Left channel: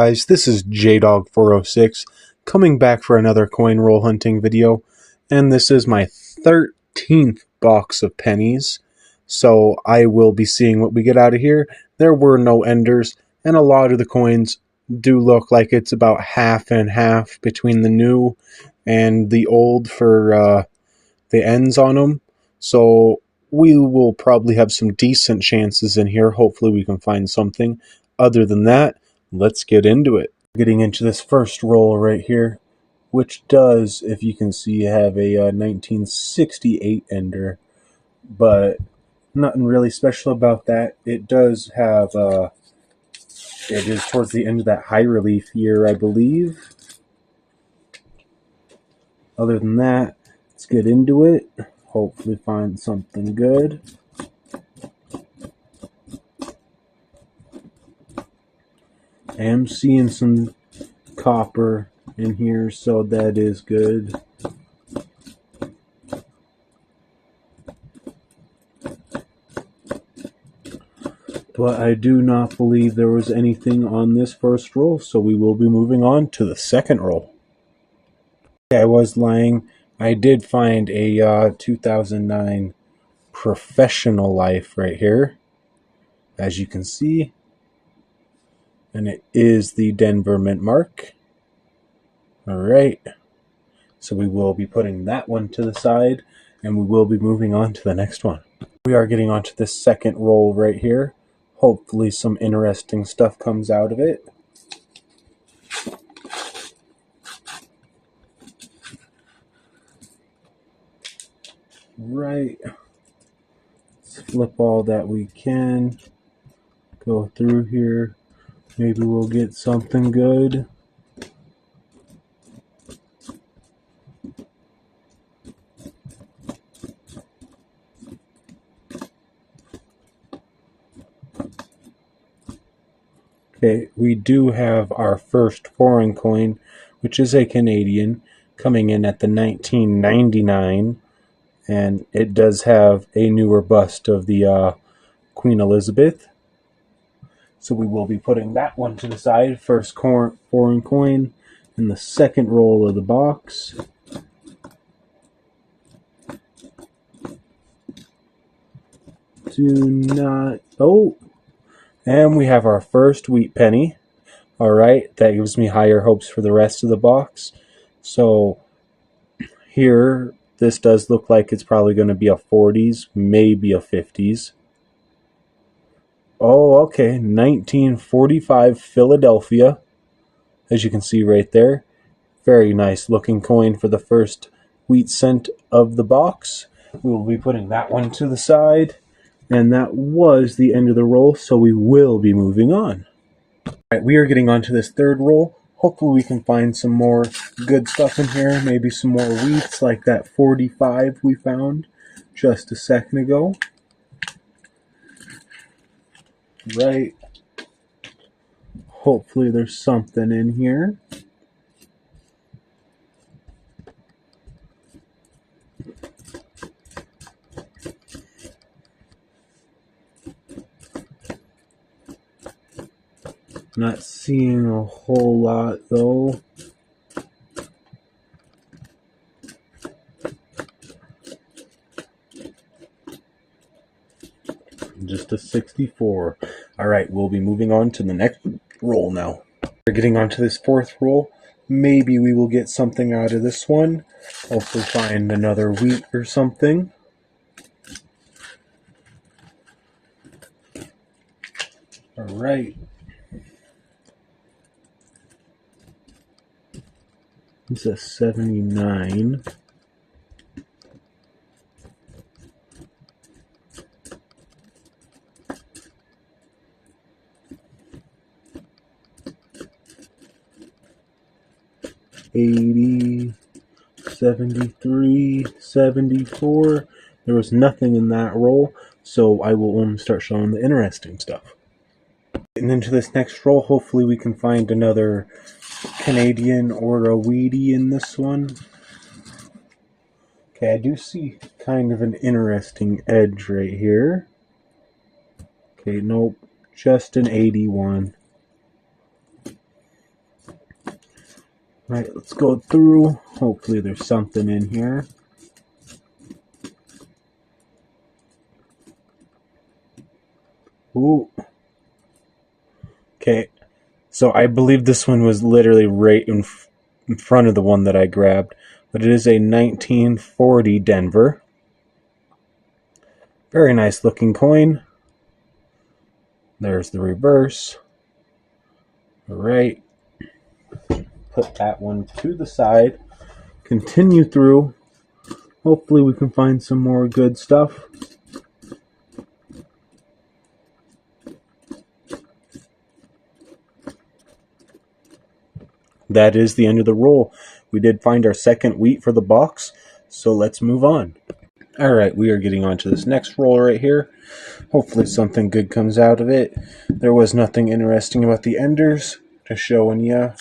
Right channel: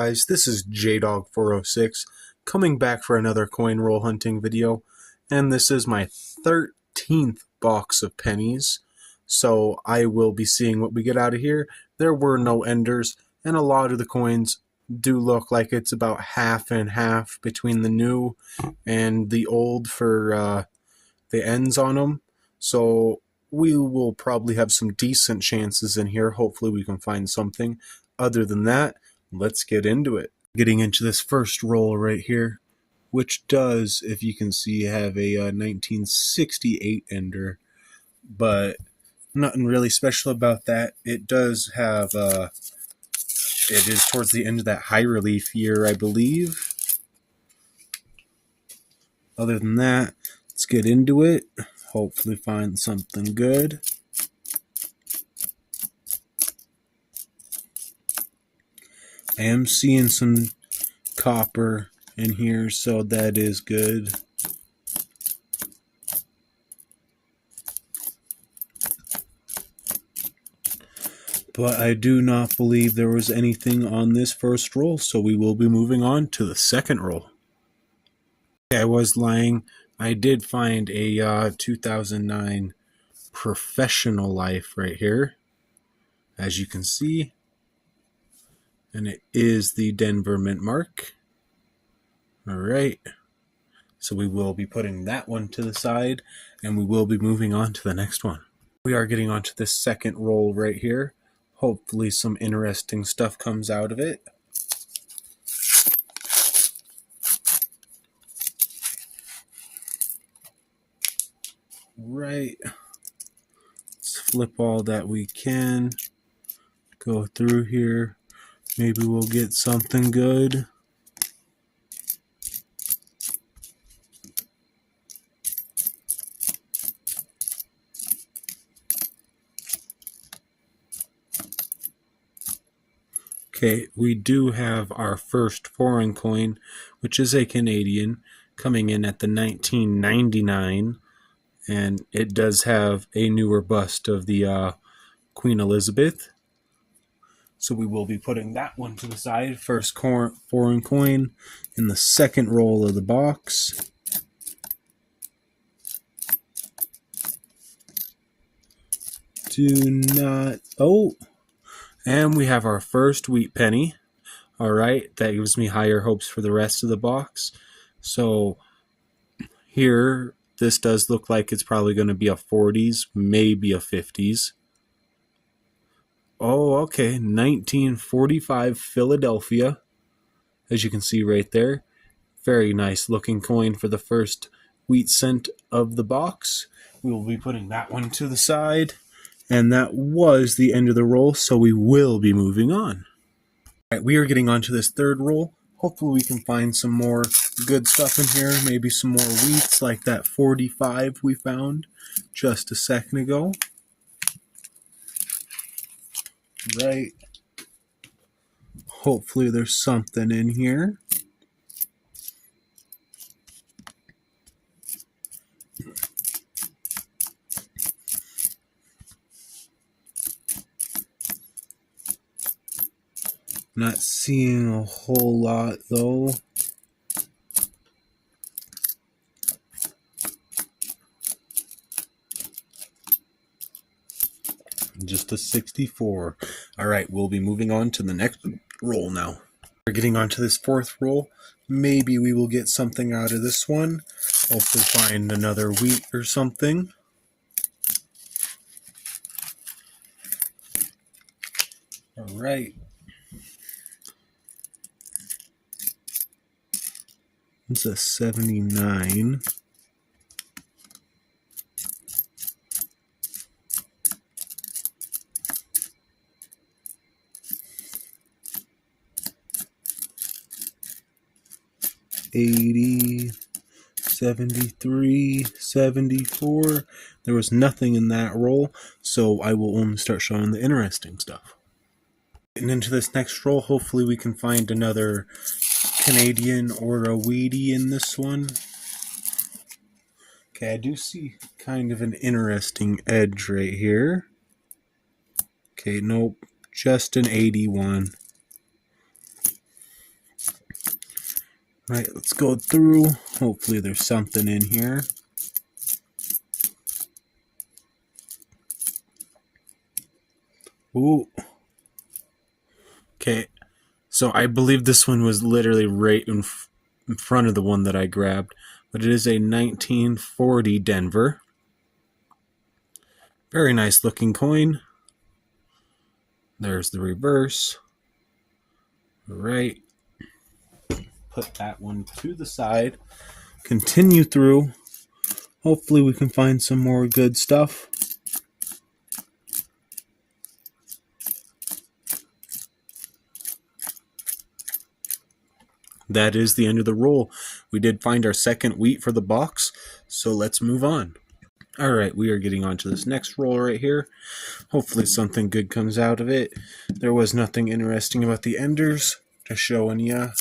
Guys, this is JDog406 coming back for another coin roll hunting video, and this is my 13th box of pennies, so I will be seeing what we get out of here. There were no enders, and a lot of the coins do look like it's about half and half between the new and the old for the ends on them, so we will probably have some decent chances in here. Hopefully we can find something. Other than that, let's get into it. Getting into this first roll right here, which does, if you can see, have a 1968 ender, but nothing really special about that. It does have, it is towards the end of that high relief year, I believe. Other than that, let's get into it. Hopefully find something good. I am seeing some copper in here, so that is good. But I do not believe there was anything on this first roll, so we will be moving on to the second roll. I was lying. I did find a 2009 Professional Life right here, as you can see. And it is the Denver Mint Mark. Alright, so we will be putting that one to the side, and we will be moving on to the next one. We are getting onto this second roll right here. Hopefully some interesting stuff comes out of it. Right, let's flip all that we can. Go through here. Maybe we'll get something good. Okay, we do have our first foreign coin, which is a Canadian, coming in at the 1999, and it does have a newer bust of the Queen Elizabeth. So we will be putting that one to the side. First foreign coin in the second roll of the box. Do not... Oh! And we have our first wheat penny. Alright, that gives me higher hopes for the rest of the box. So here, this does look like it's probably going to be a 40s, maybe a 50s. Oh, okay, 1945 Philadelphia, as you can see right there. Very nice looking coin for the first wheat cent of the box. We will be putting that one to the side. And that was the end of the roll, so we will be moving on. All right, we are getting onto this third roll. Hopefully we can find some more good stuff in here. Maybe some more wheats like that 45 we found just a second ago. Right. Hopefully there's something in here. Not seeing a whole lot though. Just a 64. Alright, we'll be moving on to the next roll now. We're getting onto this fourth roll. Maybe we will get something out of this one. Hopefully find another wheat or something. Alright. It's a 79. $80, $73, $74. There was nothing in that roll, so I will only start showing the interesting stuff. Getting into this next roll, hopefully we can find another Canadian or a Wheatie in this one. Okay, I do see kind of an interesting edge right here. Okay, nope, just an 81. Right, let's go through. Hopefully there's something in here. Ooh. Okay, so I believe this one was literally right in front of the one that I grabbed, but it is a 1940 Denver. Very nice looking coin. There's the reverse. All right. Put that one to the side. Continue through. Hopefully we can find some more good stuff. That is the end of the roll. We did find our second wheat for the box, so let's move on. All right, we are getting on to this next roll right here. Hopefully something good comes out of it. There was nothing interesting about the enders to show you.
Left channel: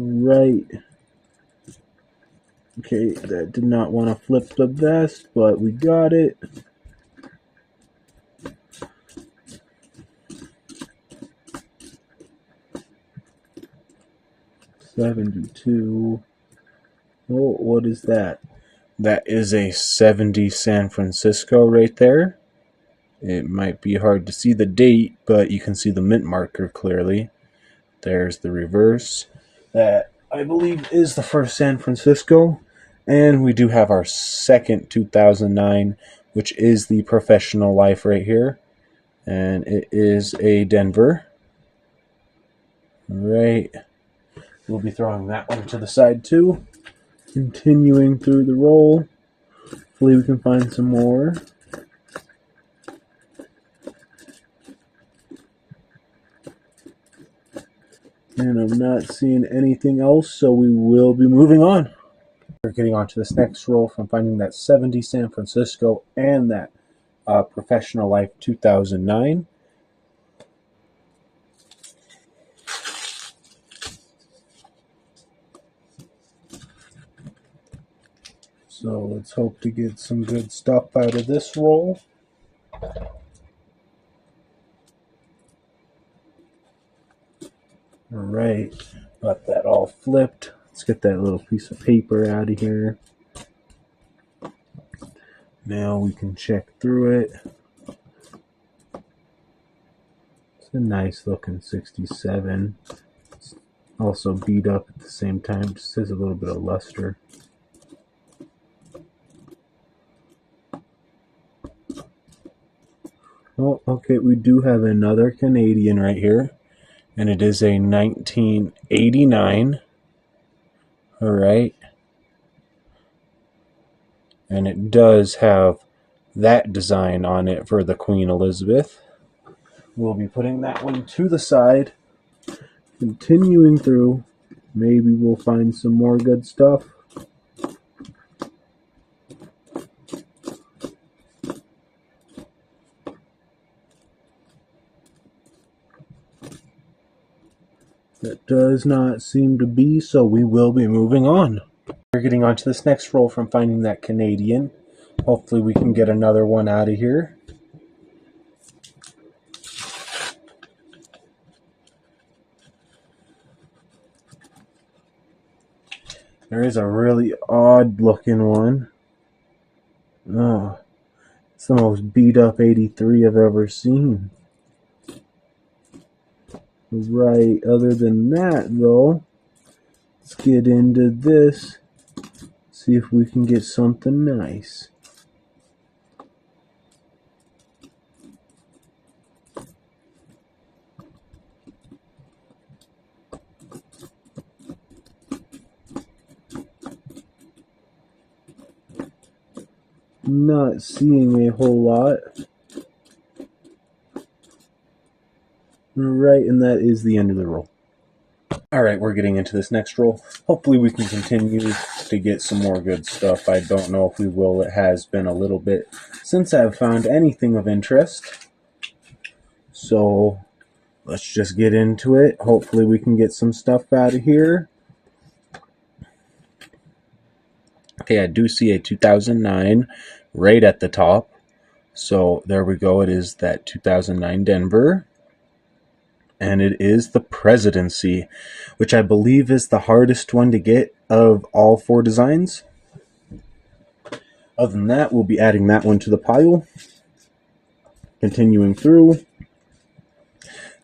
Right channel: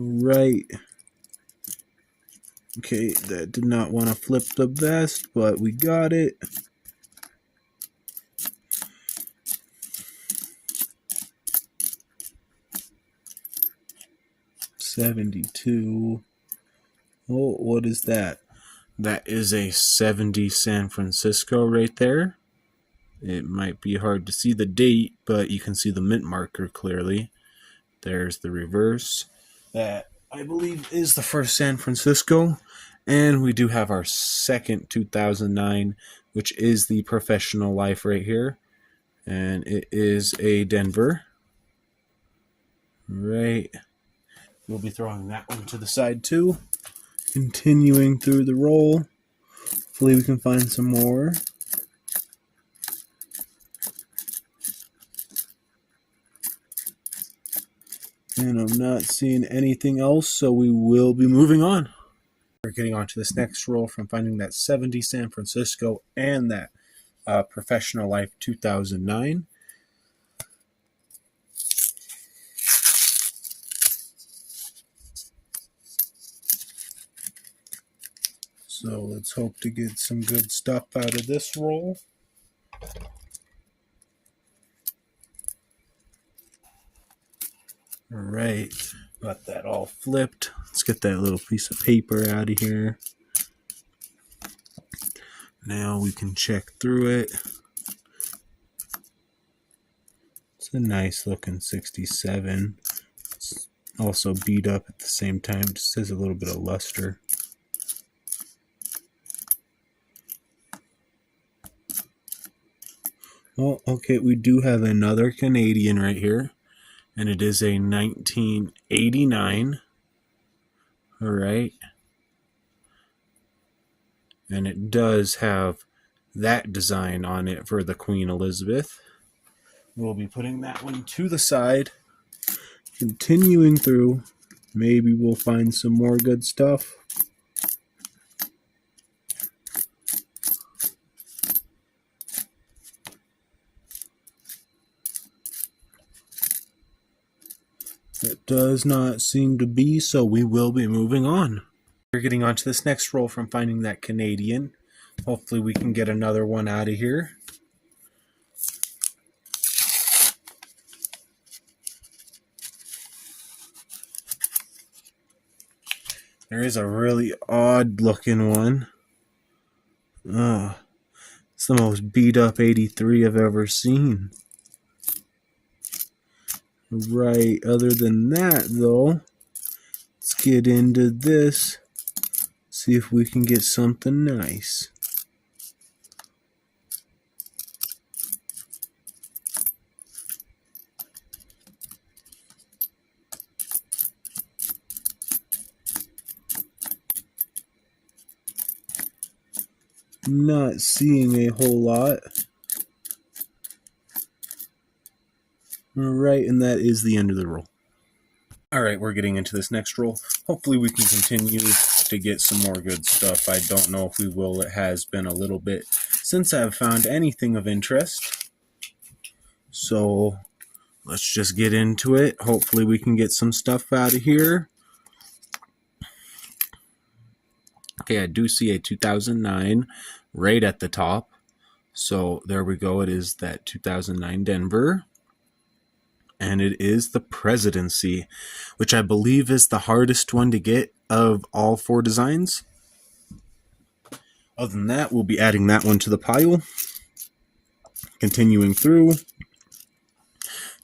Right. Okay, that did not want to flip the best, but we got it. $72. Oh, what is that? That is a 70 San Francisco right there. It might be hard to see the date, but you can see the mint marker clearly. There's the reverse. That, I believe, is the first San Francisco. And we do have our second 2009, which is the Professional Life right here. And it is a Denver. Right. We'll be throwing that one to the side too. Continuing through the roll. Hopefully we can find some more. And I'm not seeing anything else, so we will be moving on. We're getting on to this next roll from finding that 70 San Francisco and that Professional Life 2009. So let's hope to get some good stuff out of this roll. All right, got that all flipped. Let's get that little piece of paper out of here. Now we can check through it. It's a nice looking 67. It's also beat up at the same time, just has a little bit of luster. Well, okay, we do have another Canadian right here, and it is a 1989. All right. And it does have that design on it for the Queen Elizabeth. We'll be putting that one to the side. Continuing through. Maybe we'll find some more good stuff. That does not seem to be, so we will be moving on. We're getting on to this next roll from finding that Canadian. Hopefully we can get another one out of here. There is a really odd looking one. It's the most beat up 83 I've ever seen. Right, other than that though, let's get into this. See if we can get something nice. Not seeing a whole lot. Right, and that is the end of the roll. Alright, we're getting into this next roll. Hopefully we can continue to get some more good stuff. I don't know if we will. It has been a little bit since I've found anything of interest. So let's just get into it. Hopefully we can get some stuff out of here. Okay, I do see a 2009 right at the top. So there we go. It is that 2009 Denver. And it is the Presidency, which I believe is the hardest one to get of all 4 designs. Other than that, we'll be adding that one to the pile. Continuing through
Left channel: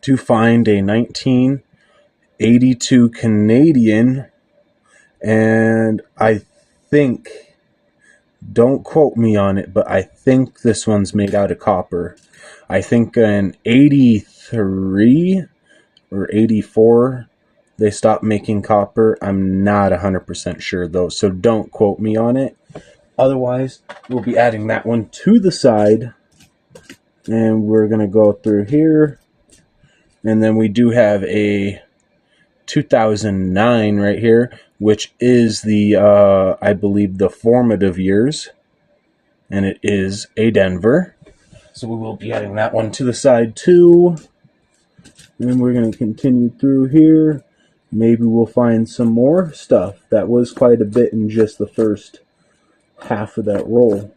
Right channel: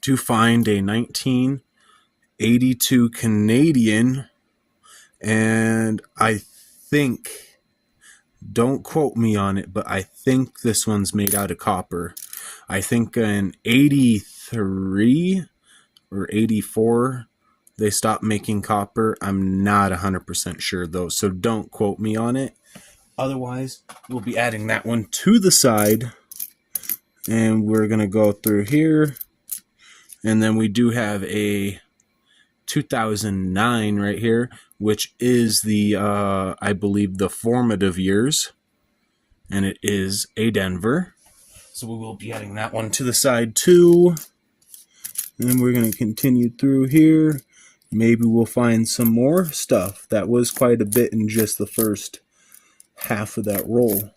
to find a 1982 Canadian, and I think, don't quote me on it, but I think this one's made out of copper. I think an 83 or 84 they stopped making copper. I'm not 100% sure though, so don't quote me on it. Otherwise, we'll be adding that one to the side, and we're gonna go through here, and then we do have a 2009 right here, which is the I believe the formative years, and it is a Denver. So we will be adding that one to the side too. And we're going to continue through here. Maybe we'll find some more stuff. That was quite a bit in just the first half of that roll.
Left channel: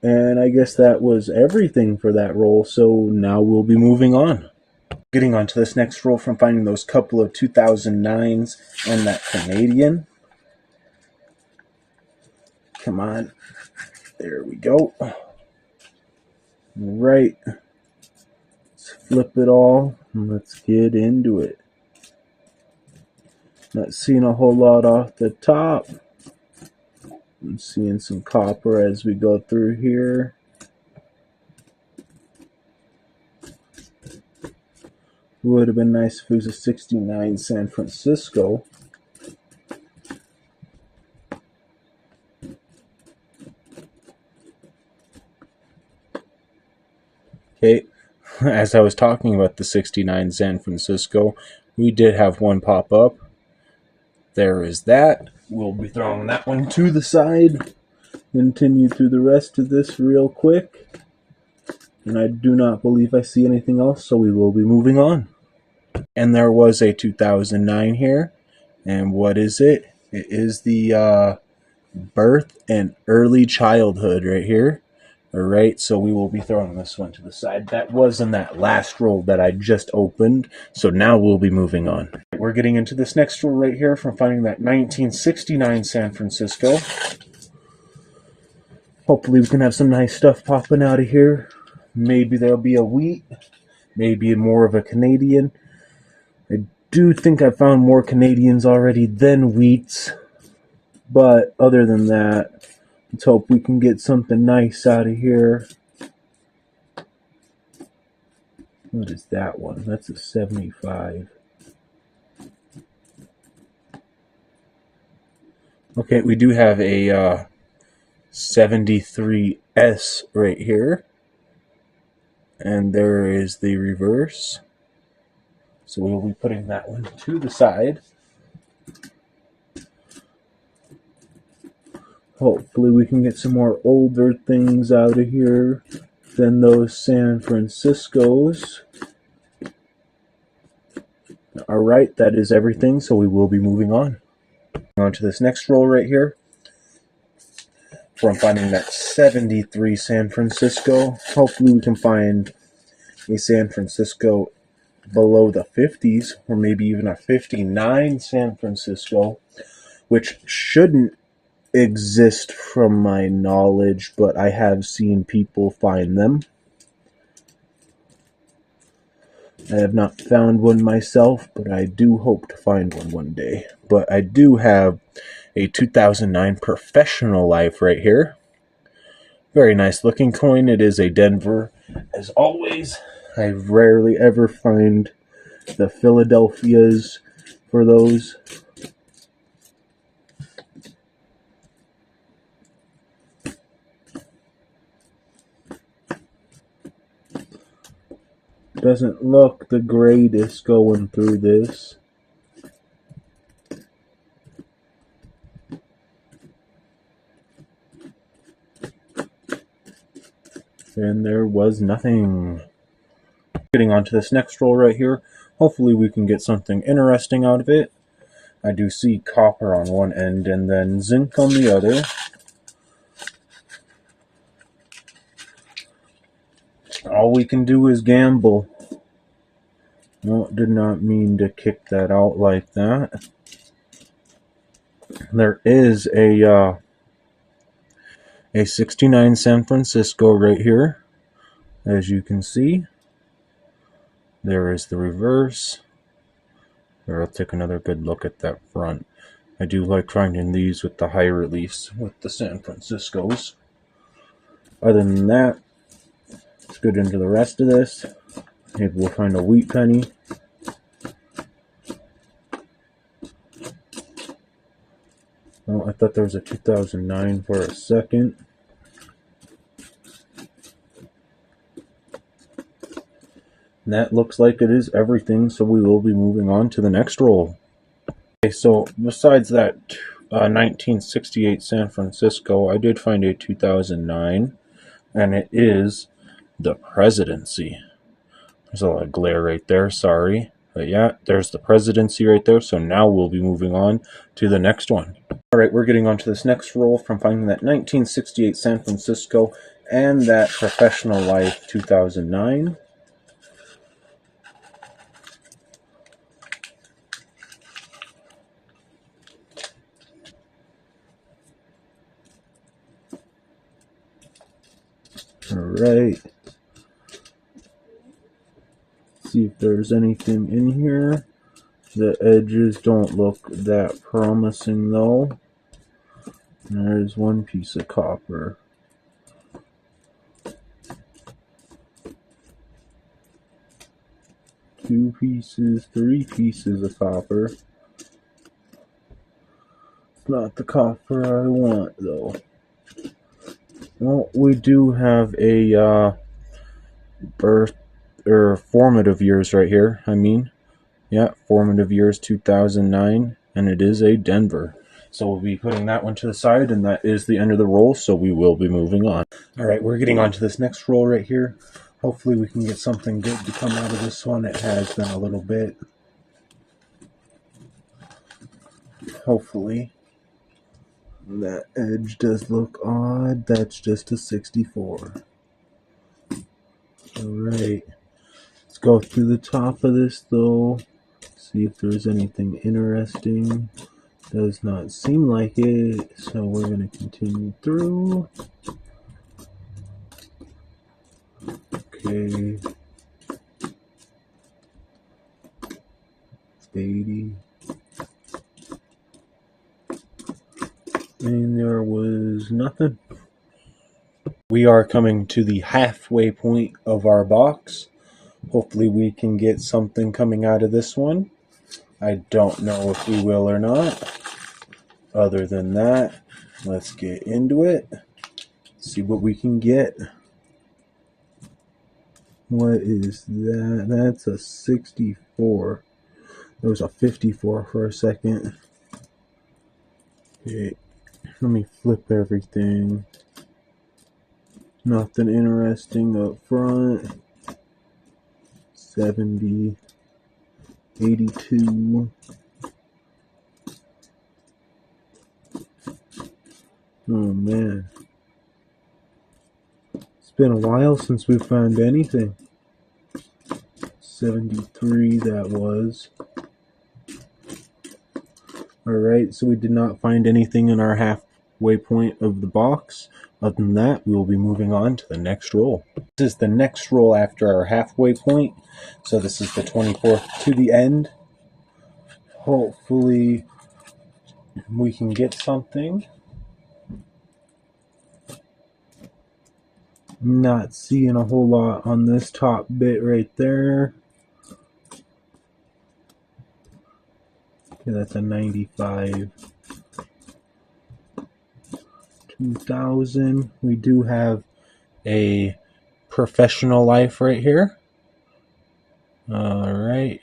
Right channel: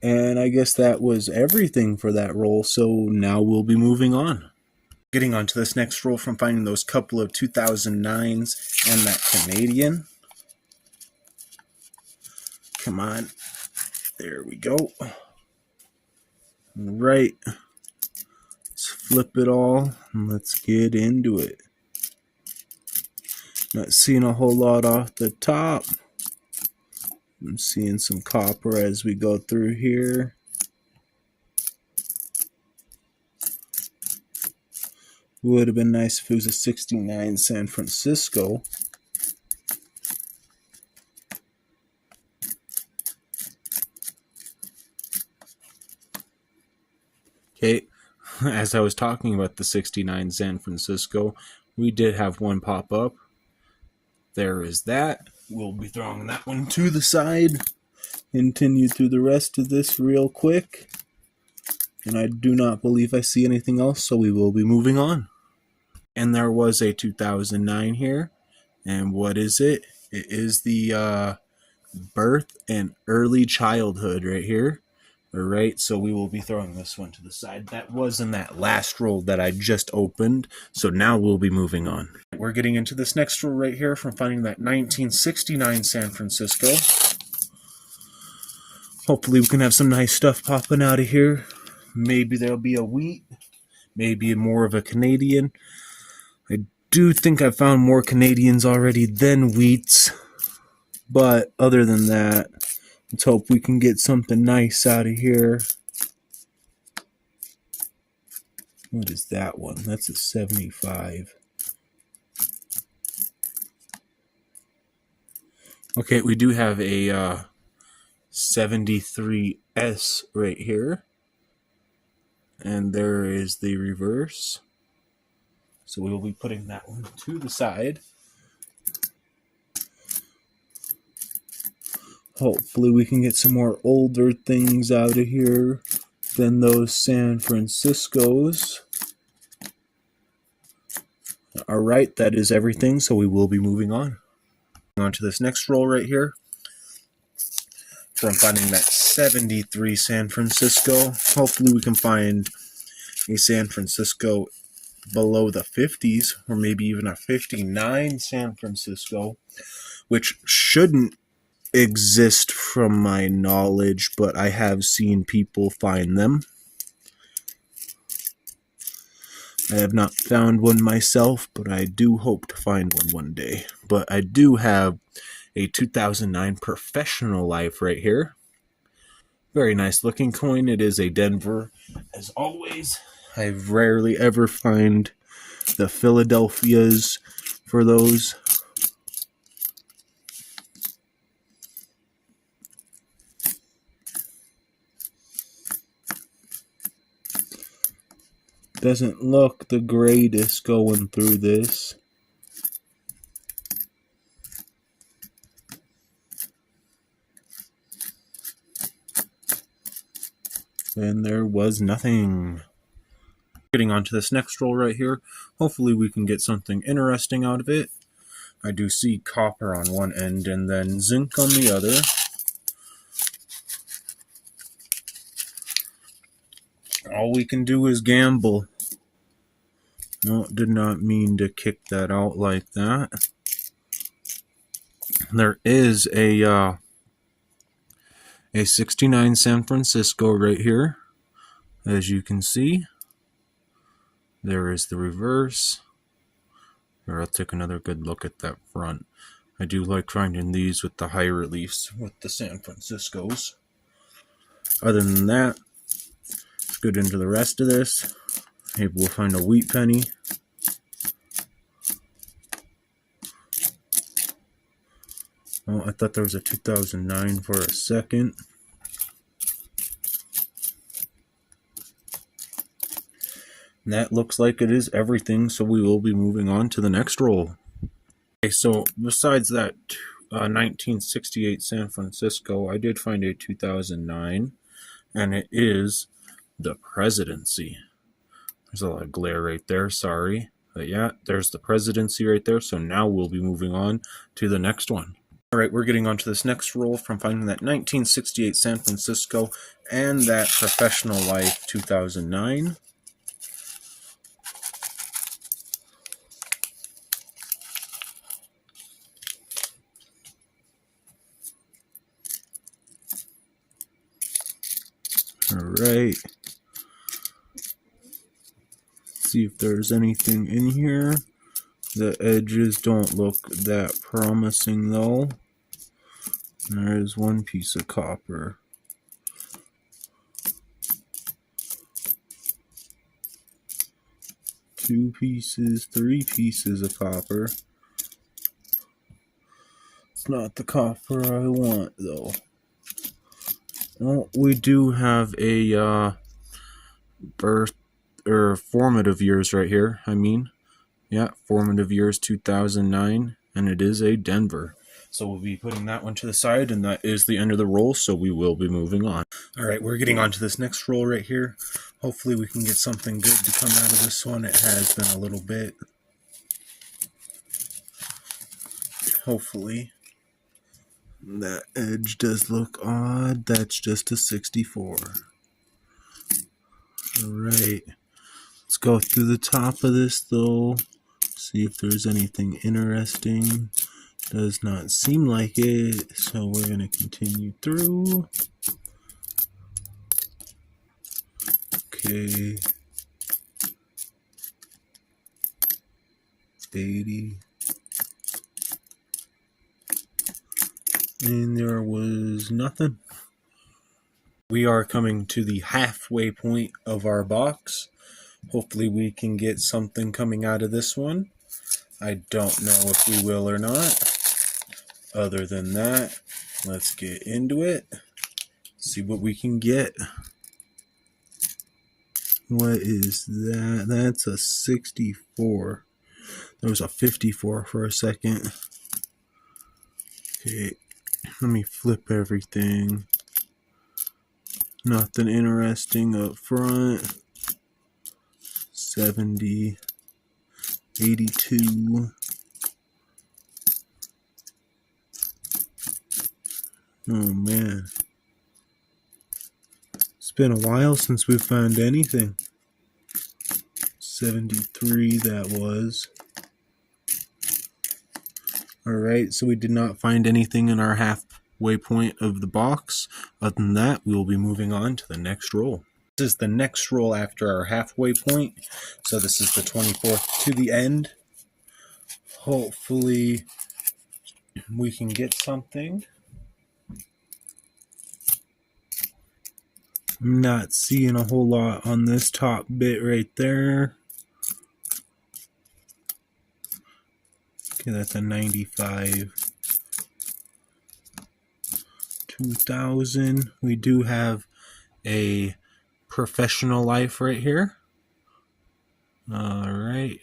And I guess that was everything for that roll, so now we'll be moving on. Getting on to this next roll from finding those couple of 2009s and that Canadian. Come on. There we go. Right. Let's flip it all and let's get into it. Not seeing a whole lot off the top. I'm seeing some copper as we go through here. Would have been nice if it was a 69 San Francisco. Okay, as I was talking about the 69 San Francisco, we did have one pop up. There is that. We'll be throwing that one to the side. Continue through the rest of this real quick. And I do not believe I see anything else, so we will be moving on. And there was a 2009 here. And what is it? It is the birth and early childhood right here. Alright, so we will be throwing this one to the side. That was in that last roll that I just opened, so now we'll be moving on. We're getting into this next roll right here from finding that 1969 San Francisco. Hopefully we can have some nice stuff popping out of here. Maybe there'll be a wheat, maybe more of a Canadian. I do think I found more Canadians already than wheats, but other than that, let's hope we can get something nice out of here. What is that one? That's a 75. Okay, we do have a 73S right here. And there is the reverse. So we will be putting that one to the side. Hopefully we can get some more older things out of here than those San Franciscos. Alright, that is everything, so we will be moving on. On to this next roll right here. From finding that 73 San Francisco. Hopefully we can find a San Francisco below the 50s, or maybe even a 59 San Francisco, which shouldn't exist from my knowledge, but I have seen people find them. I have not found one myself, but I do hope to find one day. But I do have a 2009 Professional Life right here. Very nice looking coin. It is a Denver. As always, I rarely ever find the Philadelphias for those. Doesn't look the greatest going through this. And there was nothing. Getting on to this next roll right here. Hopefully we can get something interesting out of it. I do see copper on one end and then zinc on the other. All we can do is gamble. No, did not mean to kick that out like that. There is a 69 San Francisco right here, as you can see. There is the reverse. Or I'll take another good look at that front. I do like finding these with the high reliefs with the San Franciscos. Other than that, let's get into the rest of this. Maybe we'll find a wheat penny. Oh, I thought there was a 2009 for a second. And that looks like it is everything, so we will be moving on to the next roll. Okay, so besides that 1968 San Francisco, I did find a 2009, and it is the Presidency. There's a lot of glare right there, sorry. But yeah, there's the Presidency right there, so now we'll be moving on to the next one. Alright, we're getting on to this next roll from finding that 1968 San Francisco and that Professional Life 2009. Alright. See if there's anything in here. The edges don't look that promising though. There's one piece of copper. Two pieces, three pieces of copper. It's not the copper I want though. Well, we do have a birth or formative years right here. Yeah, formative years 2009, and it is a Denver. So we'll be putting that one to the side, and that is the end of the roll, so we will be moving on. All right, we're getting on to this next roll right here. Hopefully we can get something good to come out of this one. It has been a little bit. Hopefully. That edge does look odd. That's just a 64. All right. Let's go through the top of this though. See if there's anything interesting. Does not seem like it, so we're going to continue through. Okay. 80. And there was nothing. We are coming to the halfway point of our box. Hopefully we can get something coming out of this one. I don't know if we will or not. Other than that, let's get into it. See what we can get. What is that? That's a 64. There was a 54 for a second. Okay, let me flip everything. Nothing interesting up front. 70. 82. Oh man. It's been a while since we found anything. 73 that was. Alright, so we did not find anything in our halfway point of the box. Other than that, we will be moving on to the next roll. This is the next roll after our halfway point. So this is the 24th to the end. Hopefully we can get something. I'm not seeing a whole lot on this top bit right there. Okay, that's a 95. 2000. We do have a Professional Life right here. Alright.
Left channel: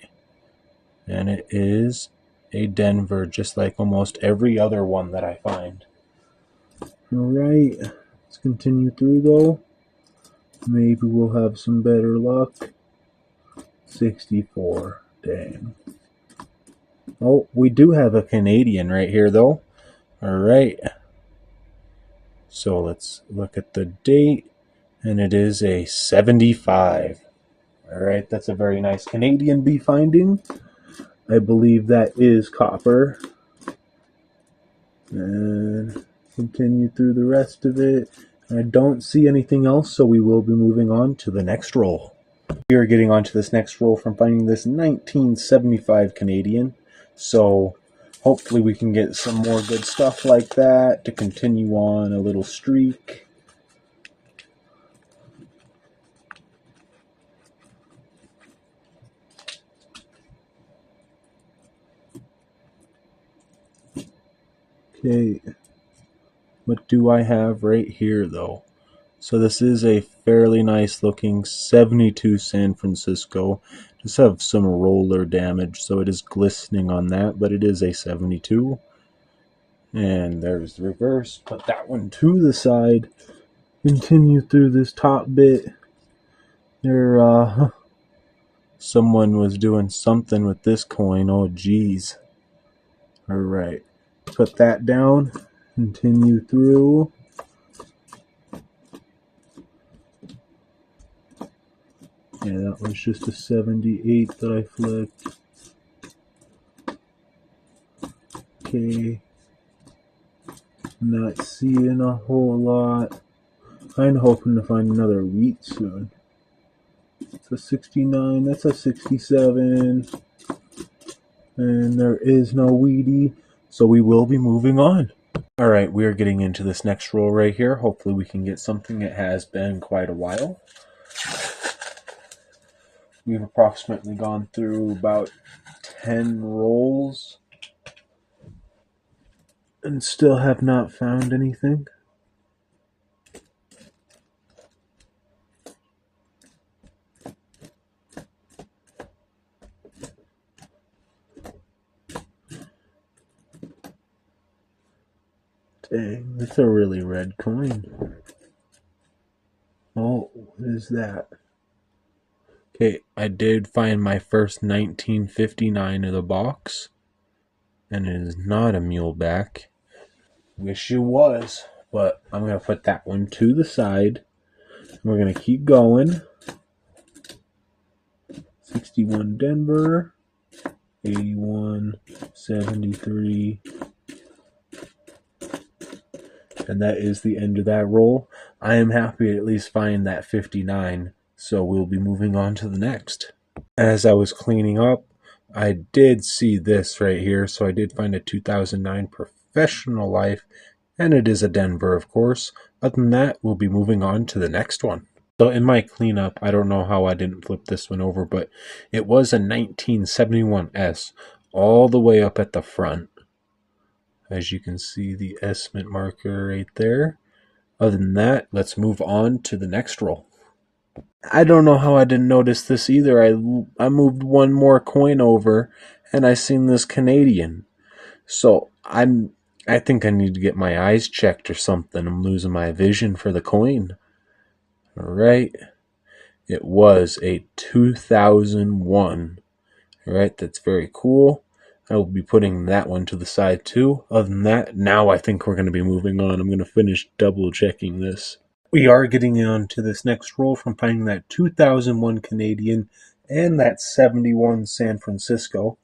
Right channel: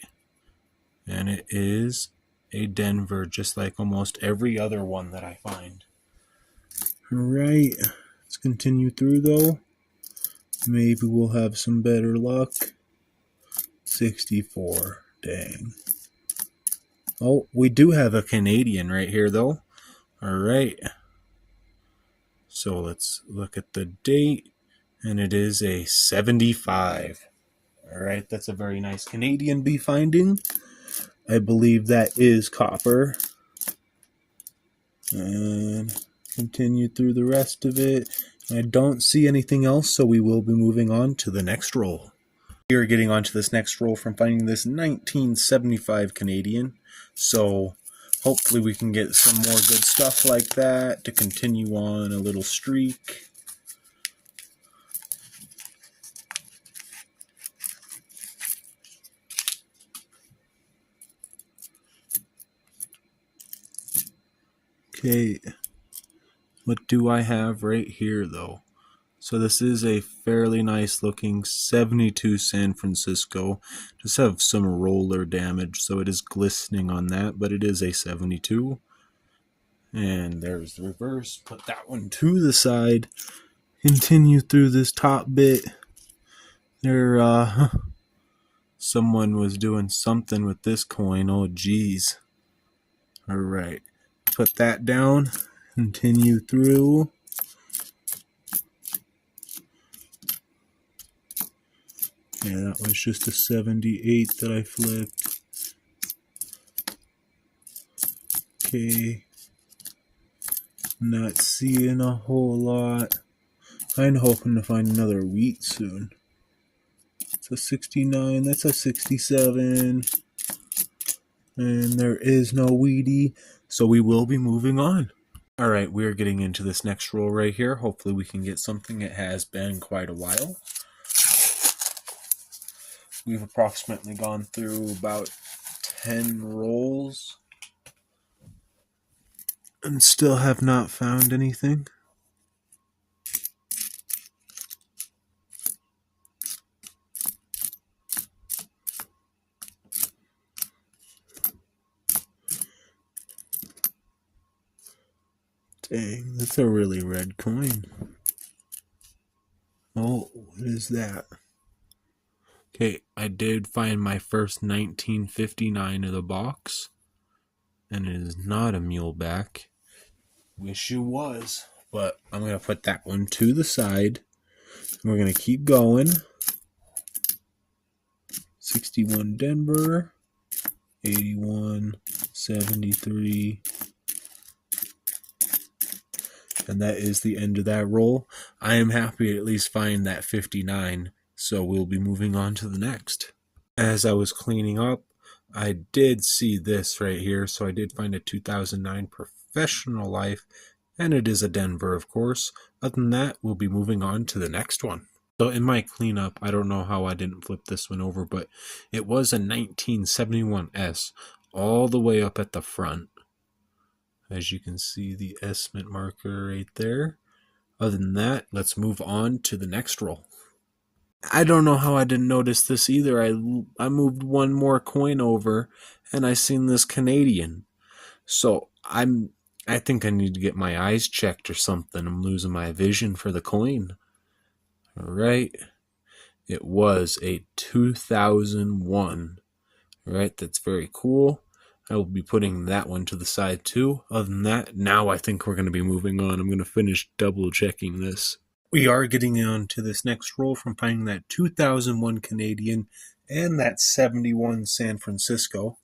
And it is a Denver, just like almost every other one that I find. Alright. Let's continue through though. Maybe we'll have some better luck. 64. Dang. Oh, we do have a Canadian right here, though. All right. So let's look at the date, and it is a 75. All right, that's a very nice Canadian bee finding. I believe that is copper. And continue through the rest of it. I don't see anything else, so we will be moving on to the next roll. We are getting onto this next roll from finding this 1975 Canadian. So hopefully we can get some more good stuff like that to continue on a little streak. Okay, what do I have right here though? So this is a fairly nice looking 72 San Francisco. Just have some roller damage, so it is glistening on that, but it is a 72. And there's the reverse. Put that one to the side. Continue through this top bit. There, someone was doing something with this coin. Oh, geez. All right. Put that down. Continue through. Yeah, that was just a 78 that I flipped. Okay. Not seeing a whole lot. Kind of hoping to find another wheat soon. It's a 69. That's a 67. And there is no wheatie. So we will be moving on. Alright, we are getting into this next roll right here. Hopefully we can get something. It has been quite a while. We've approximately gone through about 10 rolls and still have not found anything. Dang, that's a really red coin. Oh, what is that? Okay, I did find my first 1959 of the box, and it is not a muleback. Wish it was, but I'm going to put that one to the side. We're going to keep going. 61 Denver, 81, 73, and that is the end of that roll. I am happy to at least find that 59. So we'll be moving on to the next. As I was cleaning up, I did see this right here. So I did find a 2009 Professional Life, and it is a Denver, of course. Other than that, we'll be moving on to the next one. So in my cleanup, I don't know how I didn't flip this one over, but it was a 1971S all the way up at the front. As you can see, the S mint marker right there. Other than that, let's move on to the next roll. I don't know how I didn't notice this either. I moved one more coin over and I seen this Canadian. So I think I need to get my eyes checked or something. I'm losing my vision for the coin. All right. It was a 2001. All right, that's very cool. I will be putting that one to the side too. Other than that, now I think we're going to be moving on. I'm going to finish double checking this. We are getting on to this next roll from finding that 2001 Canadian and that 71 San Francisco.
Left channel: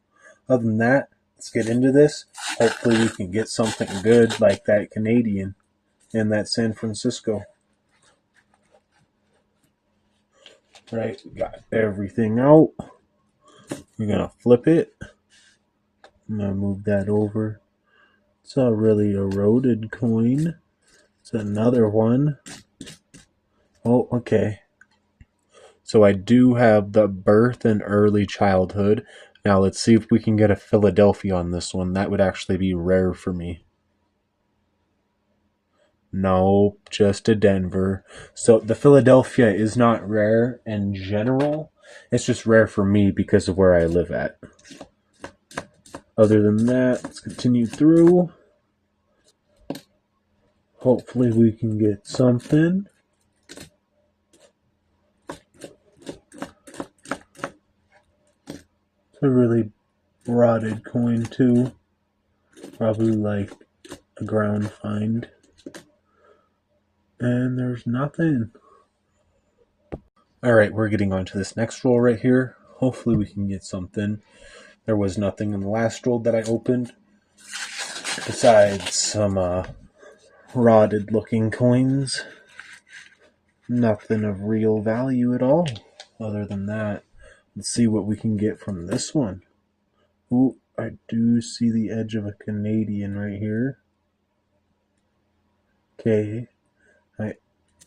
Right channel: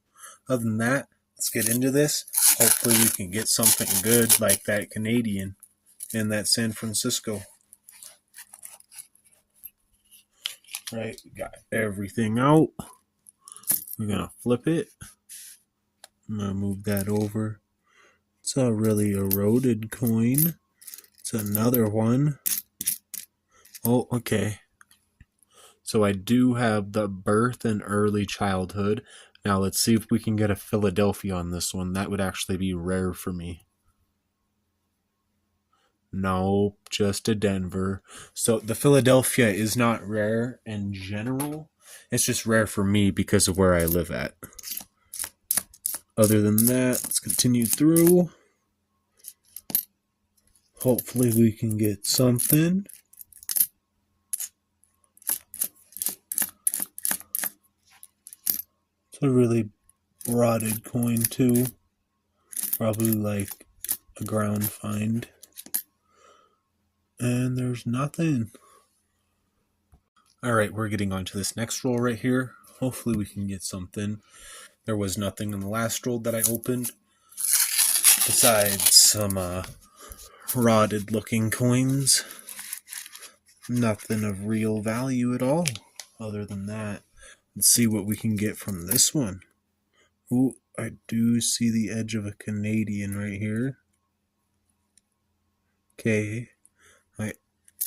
Other than that, let's get into this. Hopefully we can get something good like that Canadian and that San Francisco. Right, we got everything out. We're going to flip it. I'm going to move that over. It's a really eroded coin. It's another one. Oh, okay. So I do have the birth and early childhood. Now let's see if we can get a Philadelphia on this one. That would actually be rare for me. Nope, just a Denver. So the Philadelphia is not rare in general. It's just rare for me because of where I live at. Other than that, let's continue through. Hopefully we can get something. It's a really rotted coin too. Probably like a ground find. And there's nothing. Alright, we're getting on to this next roll right here. Hopefully we can get something. There was nothing in the last roll that I opened. Besides some rotted looking coins. Nothing of real value at all. Other than that, let's see what we can get from this one. Ooh, I do see the edge of a Canadian right here. Okay, I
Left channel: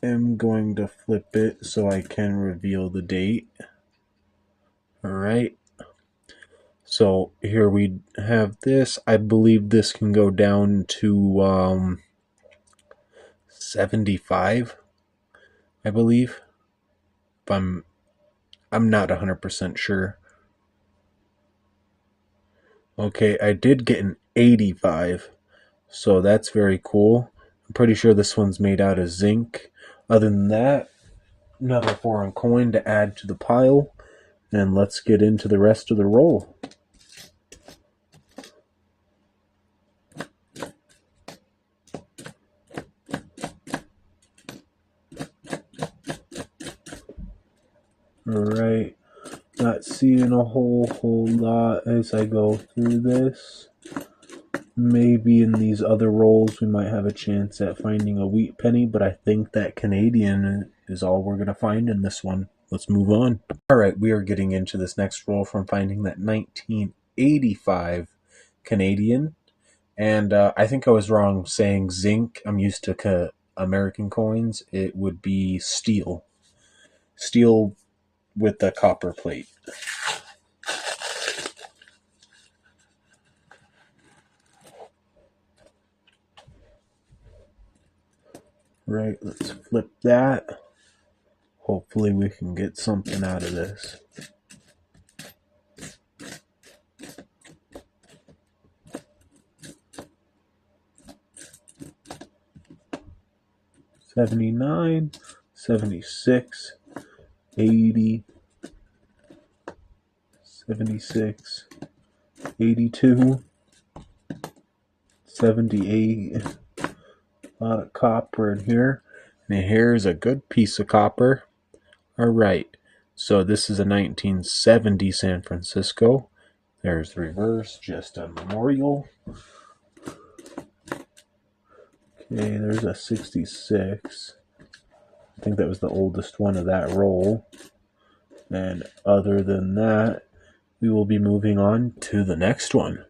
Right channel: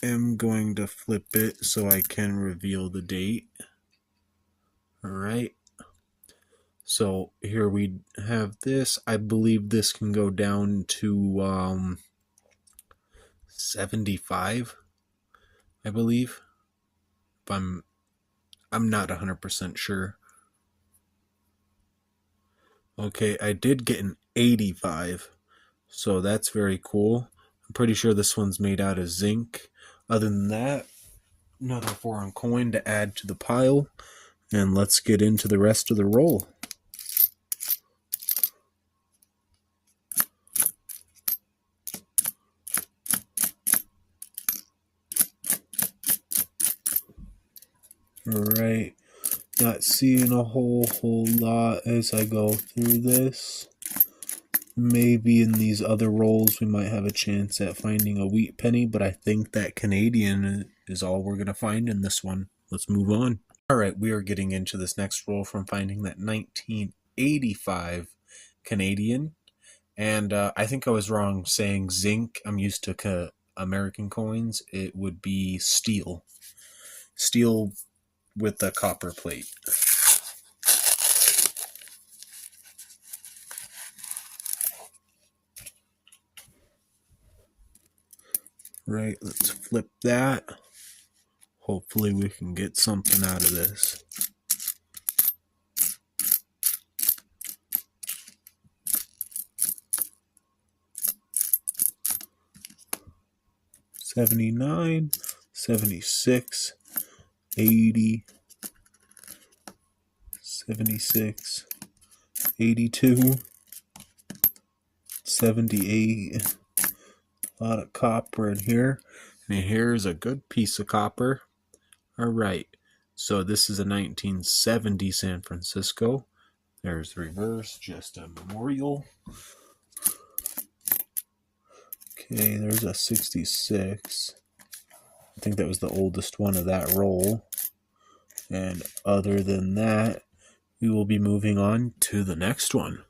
am going to flip it so I can reveal the date. Alright, so here we have this. I believe this can go down to 75, I believe. If I'm not 100% sure. Okay, I did get an 85, so that's very cool. I'm pretty sure this one's made out of zinc. Other than that, another foreign coin to add to the pile, and let's get into the rest of the roll. Alright, not seeing a whole lot as I go through this. Maybe in these other rolls we might have a chance at finding a wheat penny, but I think that Canadian is all we're going to find in this one. Let's move on. Alright, we are getting into this next roll from finding that 1985 Canadian. And I think I was wrong saying zinc. I'm used to American coins. It would be steel. Steel with a copper plate. Right, let's flip that. Hopefully we can get something out of this. $79, $76, $80, $76, $82, $78. A lot of copper in here. And here's a good piece of copper. Alright, so this is a 1970 San Francisco. There's the reverse, just a memorial. Okay, there's a 66. I think that was the oldest one of that roll. And other than that, we will be moving on to the next one.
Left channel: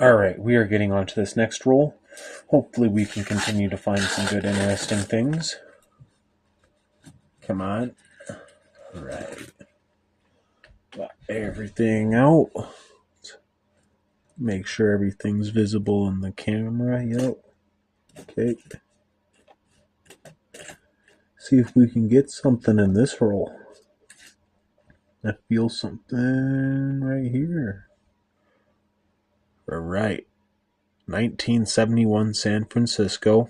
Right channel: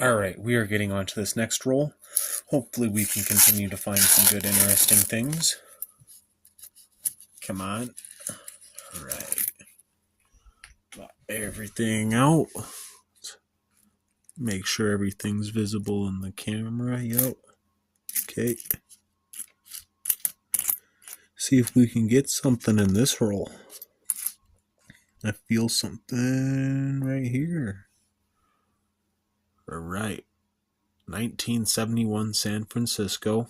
Alright, we are getting on to this next roll. Hopefully we can continue to find some good, interesting things. Come on. Alright. Got everything out. Make sure everything's visible in the camera. Yep. Okay. See if we can get something in this roll. I feel something right here. Alright. 1971 San Francisco.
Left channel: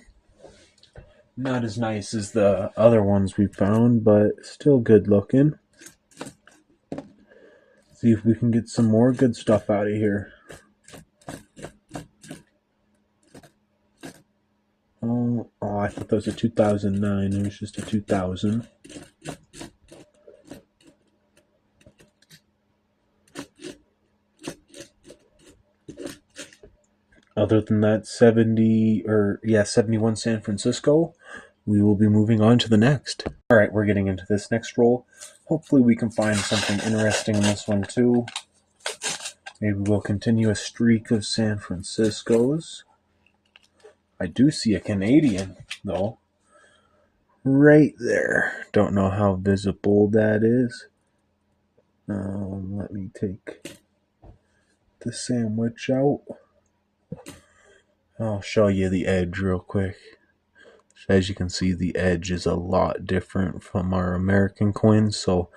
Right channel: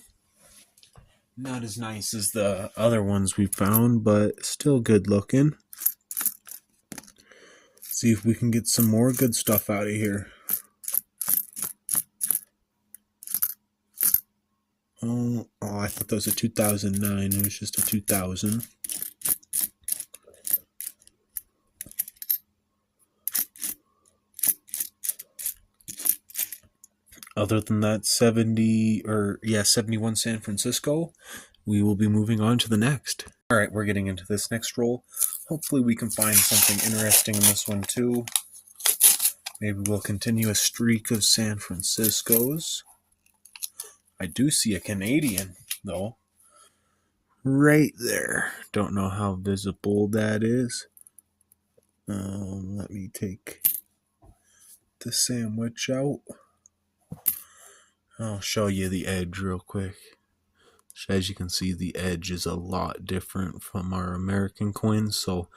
Not as nice as the other ones we found, but still good looking. See if we can get some more good stuff out of here. Oh, I thought that was a 2009. It was just a 2000. Other than that, 71 San Francisco, we will be moving on to the next. Alright, we're getting into this next roll. Hopefully we can find something interesting in this one too. Maybe we'll continue a streak of San Franciscos. I do see a Canadian, though. Right there. Don't know how visible that is. Let me take the sandwich out. I'll show you the edge real quick. As you can see, the edge is a lot different from our American coins, so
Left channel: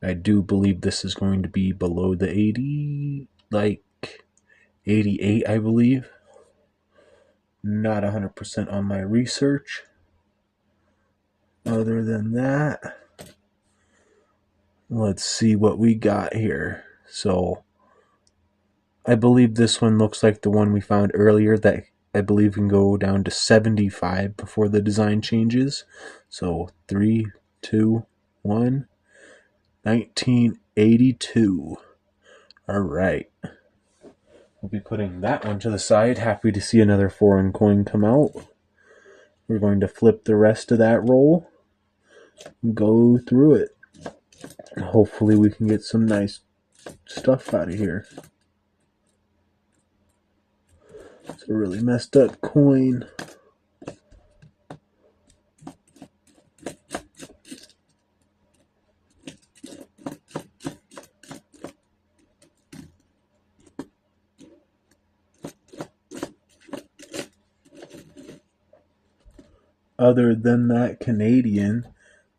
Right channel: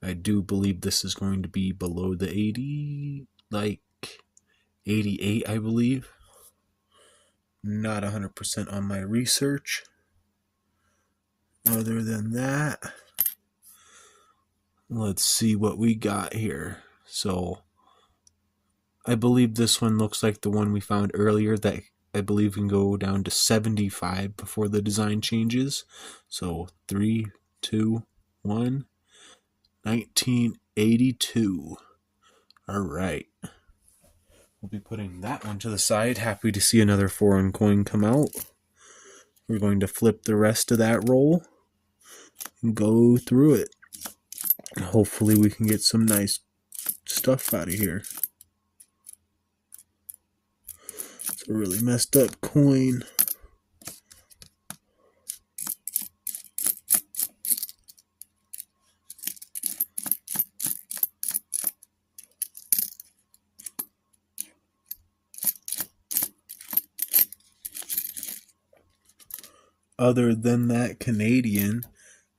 I do believe this is going to be below the 80, like 88, I believe. Not 100% on my research. Other than that, let's see what we got here. So I believe this one looks like the one we found earlier that I believe can go down to 75 before the design changes. So 3, 2, 1, 1982. All right. We'll be putting that one to the side. Happy to see another foreign coin come out. We're going to flip the rest of that roll and go through it. Hopefully we can get some nice stuff out of here. It's a really messed up coin. Other than that Canadian,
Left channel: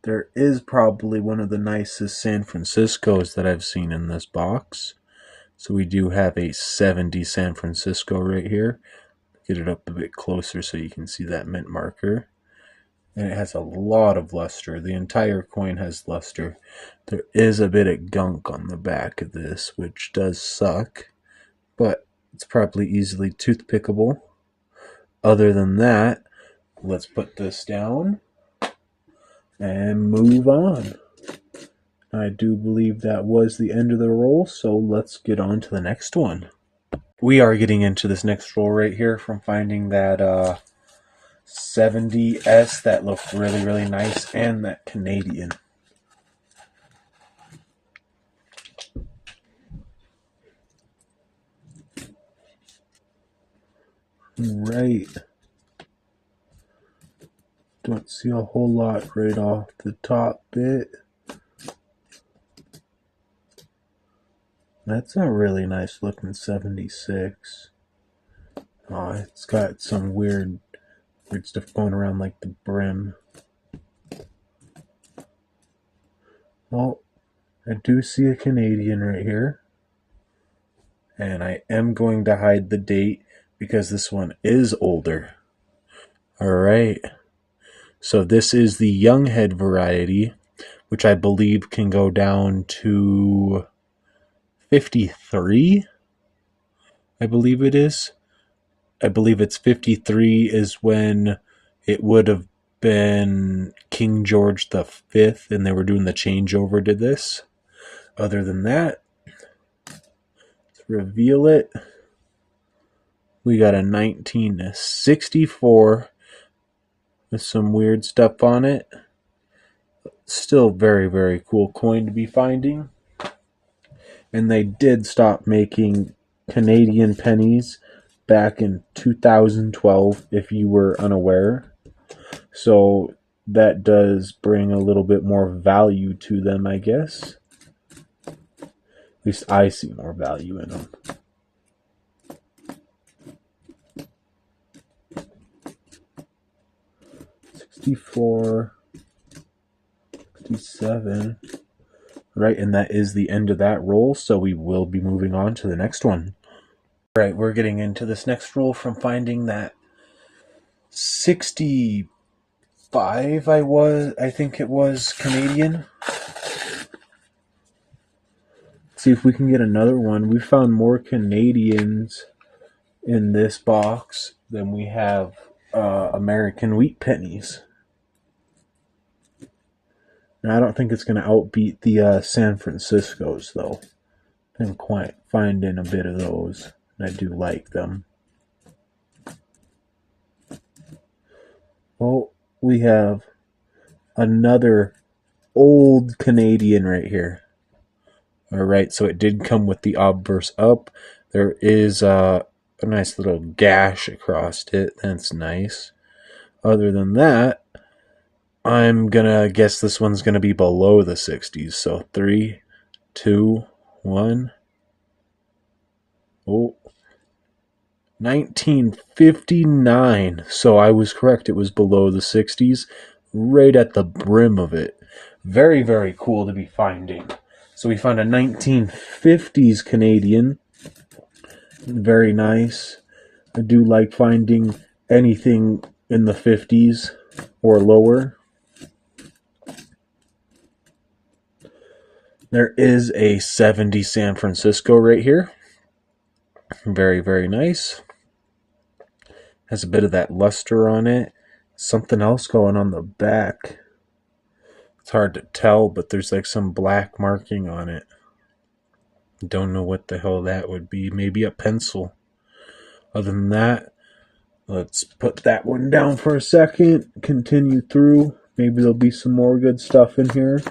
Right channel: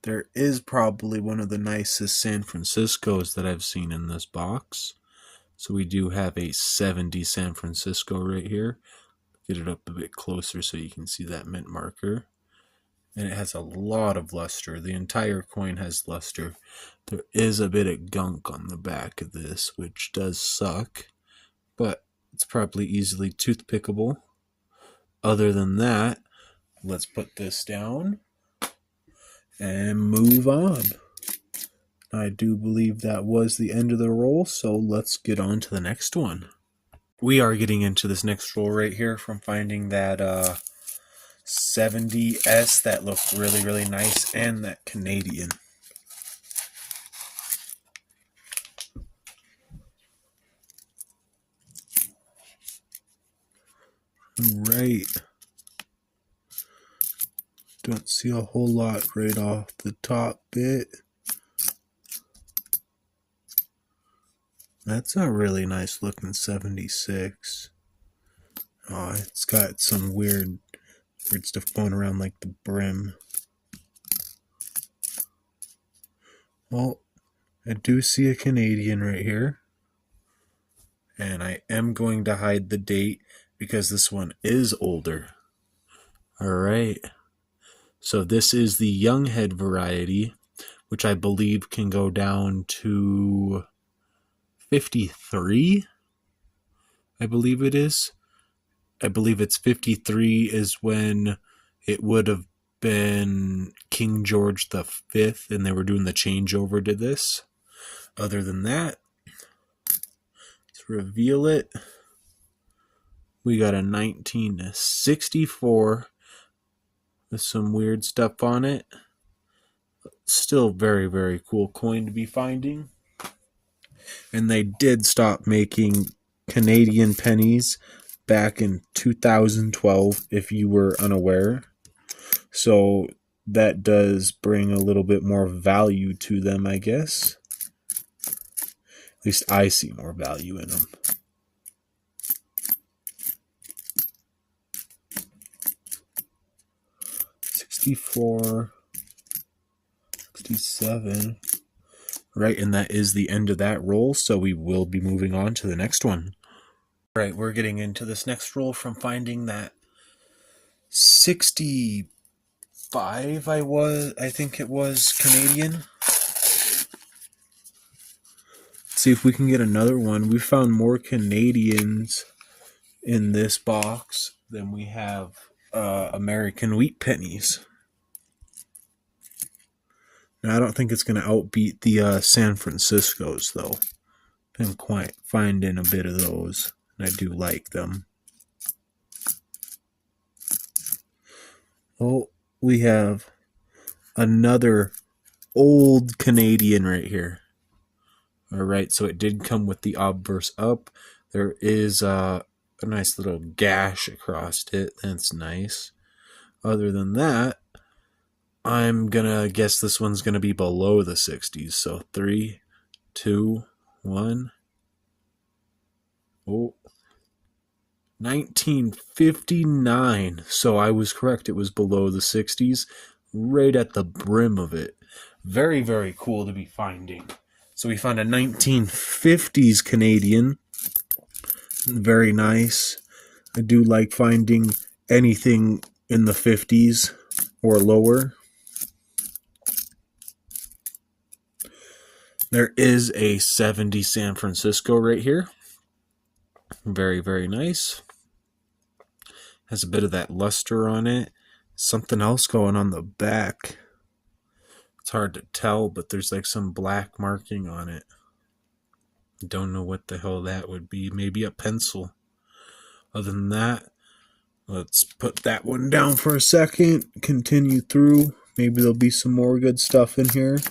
there is probably one of the nicest San Franciscos that I've seen in this box. So we do have a 70 San Francisco right here. Get it up a bit closer so you can see that mint marker. And it has a lot of luster. The entire coin has luster. There is a bit of gunk on the back of this, which does suck, but it's probably easily toothpickable. Other than that, let's put this down and move on. I do believe that was the end of the roll, so let's get on to the next one. We are getting into this next roll right here from finding that 70S that looked really, really nice, and that Canadian. Right. Don't see a whole lot right off the top bit. That's a really nice looking 76. Oh, it's got some weird stuff going around like the brim. Well, I do see a Canadian right here. And I am going to hide the date because this one is older. Alright. So this is the young head variety, which I believe can go down to 53. I believe it is. I believe it's 53 is when it would have been King George V and they were doing the changeover to this. Other than that, let's reveal it. We got a 1964 with some weird stuff on it. Still very, very cool coin to be finding. And they did stop making Canadian pennies back in 2012, if you were unaware. So that does bring a little bit more value to them, I guess. At least I see more value in them. $64, $67. Right, and that is the end of that roll, so we will be moving on to the next one. Right, we're getting into this next roll from finding that 65 I think it was Canadian. Let's see if we can get another one. We found more Canadians in this box than we have American wheat pennies. Now, I don't think it's going to outbeat the San Franciscos, though. Been quite finding a bit of those, and I do like them. Well, we have another old Canadian right here. Alright, so it did come with the obverse up. There is a nice little gash across it. That's nice. Other than that, I'm gonna guess this one's gonna be below the 60s. So 3, 2, 1. Oh, 1959. So I was correct. It was below the 60s, right at the brim of it. Very, very cool to be finding. So we found a 1950s Canadian. Very nice. I do like finding anything in the 50s or lower. There is a 70 San Francisco right here. Very, very nice. Has a bit of that luster on it. Something else going on the back. It's hard to tell, but there's like some black marking on it. Don't know what the hell that would be. Maybe a pencil. Other than that, let's put that one down for a second. Continue through. Maybe there'll be some more good stuff in here.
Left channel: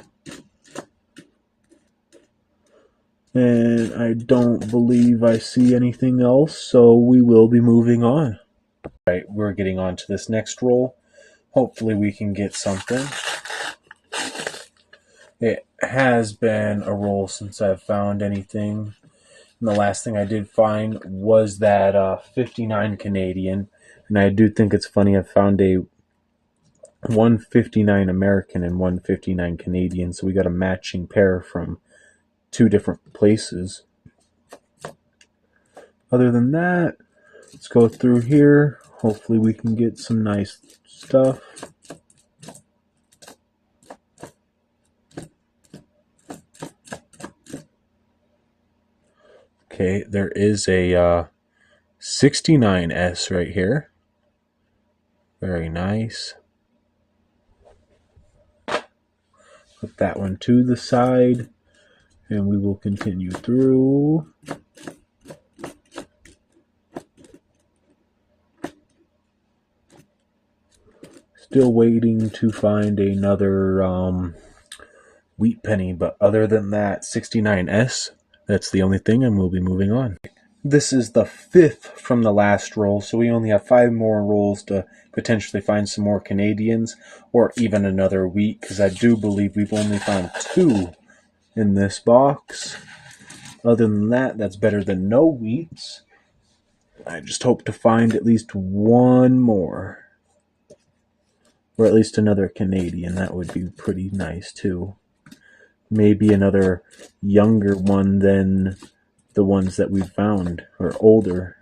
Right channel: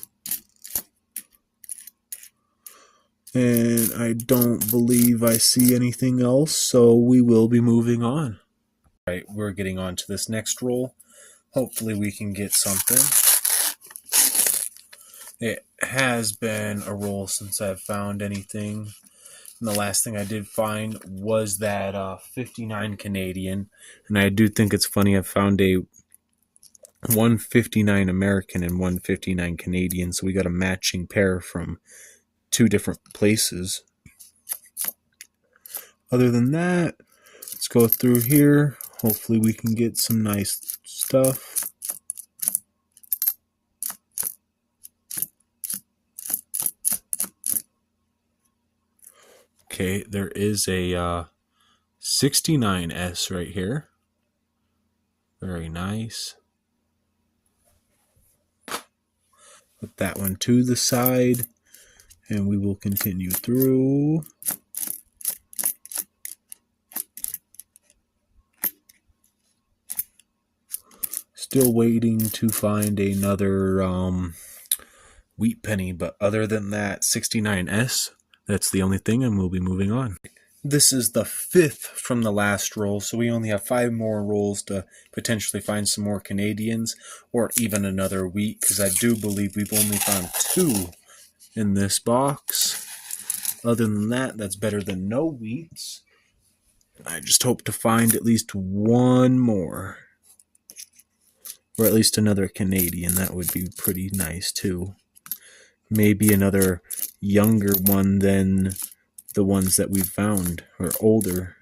And I don't believe I see anything else, so we will be moving on. All right, we're getting on to this next roll. Hopefully we can get something. It has been a roll since I've found anything. And the last thing I did find was that 59 Canadian. And I do think it's funny, I found a 159 American and 159 Canadian. So we got a matching pair from two different places. Other than that, let's go through here. Hopefully we can get some nice stuff. Okay, there is a 69S right here. Very nice. Put that one to the side, and we will continue through. Still waiting to find another wheat penny, but other than that 69S, that's the only thing, and we'll be moving on. This is the 5th from the last roll, so we only have 5 more rolls to potentially find some more Canadians, or even another wheat, because I do believe we've only found 2 in this box. Other than that, that's better than no wheats. I just hope to find at least one more. Or at least another Canadian. That would be pretty nice, too. Maybe another younger one than the ones that we found, or older.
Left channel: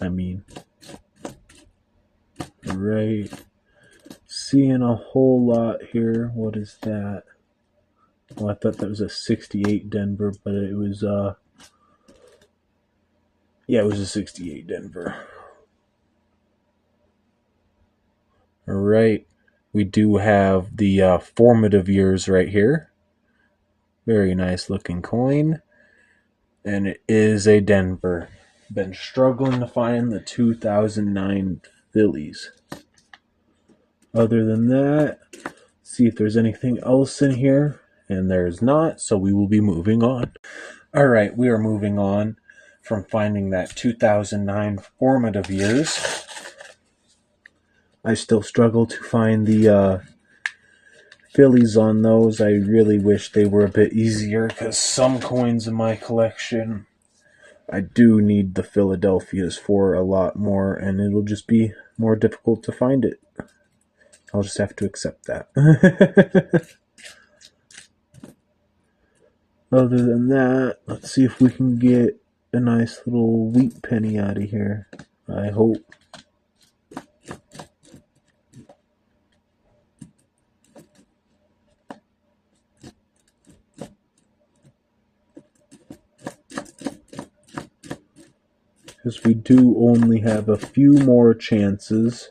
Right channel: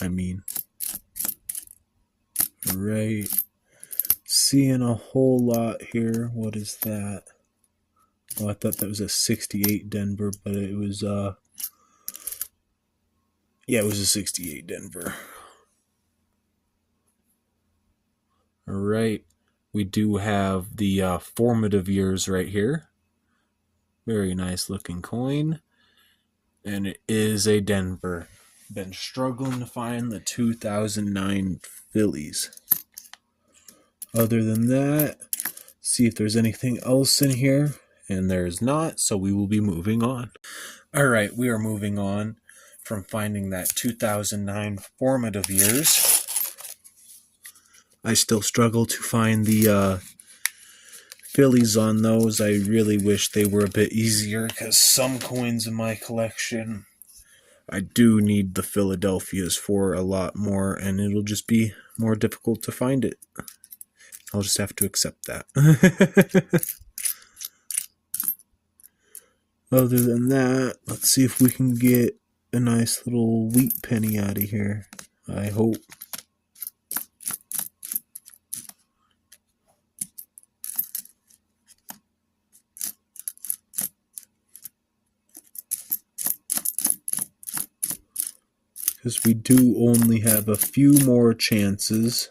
I mean, right. Seeing a whole lot here. What is that? Oh, I thought that was a 68 Denver, but it was yeah, it was a 68 Denver. All right. We do have the formative years right here. Very nice looking coin. And it is a Denver. Been struggling to find the 2009 Phillies. Other than that, see if there's anything else in here. And there's not, so we will be moving on. All right, we are moving on from finding that 2009 formative years. I still struggle to find the Phillies on those. I really wish they were a bit easier, because some coins in my collection, I do need the Philadelphias for a lot more, and it'll just be more difficult to find it. I'll just have to accept that. Other than that, let's see if we can get a nice little wheat penny out of here. I hope. Because we do only have a few more chances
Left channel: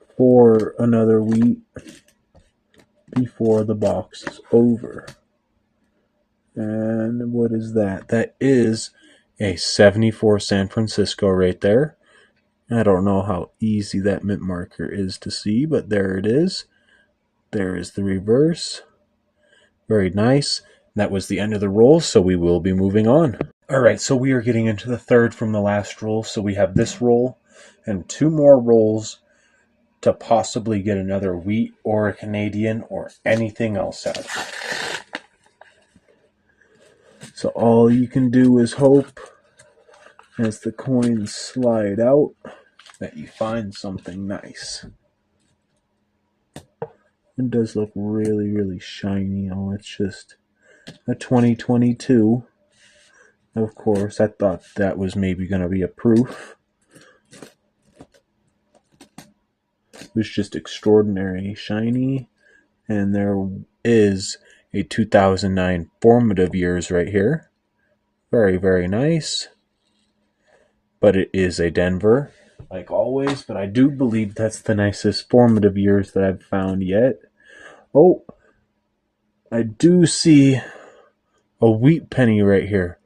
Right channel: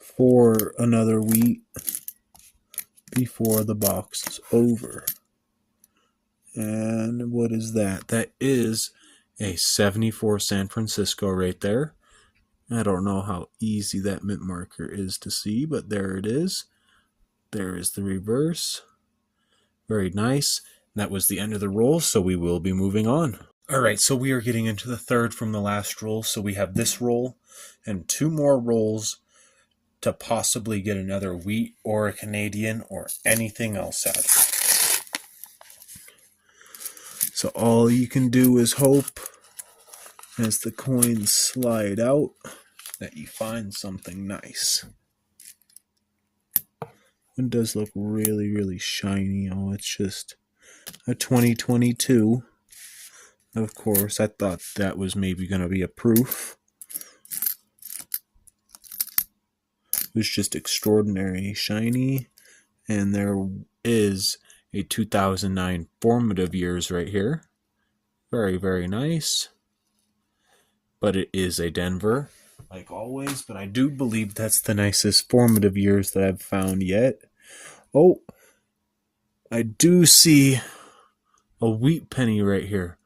for another wheat before the box is over. And what is that? That is a 74 San Francisco right there. I don't know how easy that mint marker is to see, but there it is. There is the reverse. Very nice. That was the end of the roll, so we will be moving on. All right, so we are getting into the 3rd from the last roll. So we have this roll and 2 more rolls to possibly get another wheat or a Canadian or anything else out of it. So all you can do is hope, as the coins slide out, that you find something nice. It does look really, really shiny. Oh, it's just a 2022. Of course, I thought that was maybe going to be a proof. It was just extraordinary shiny. And there is a 2009 formative years right here. Very, very nice. But it is a Denver, like always. But I do believe that's the nicest formative years that I've found yet. Oh, I do see a wheat penny right here.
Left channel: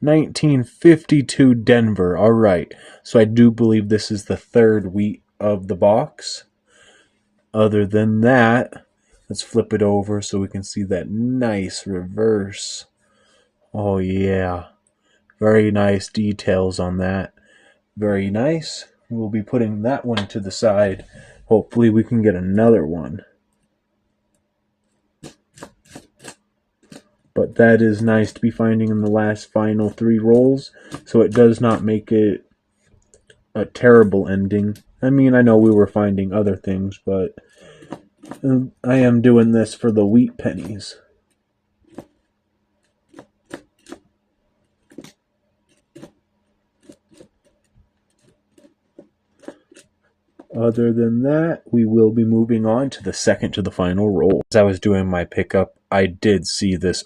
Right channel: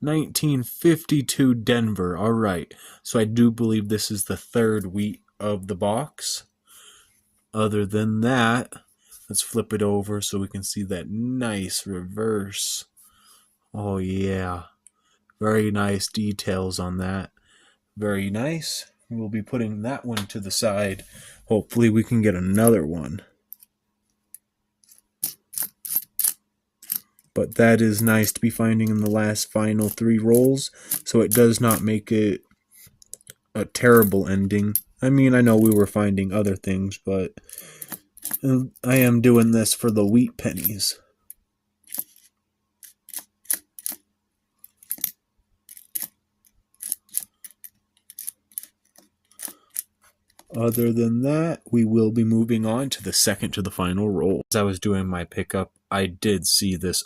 1952 Denver. All right. So I do believe this is the third wheat of the box. Other than that, let's flip it over so we can see that nice reverse. Oh, yeah. Very nice details on that. Very nice. We'll be putting that one to the side. Hopefully we can get another one. But that is nice to be finding in the last final 3 rolls. So it does not make it a terrible ending. I mean, I know we were finding other things, but I am doing this for the wheat pennies. Other than that, we will be moving on to the second to the final roll. As I was doing my pickup, I did see this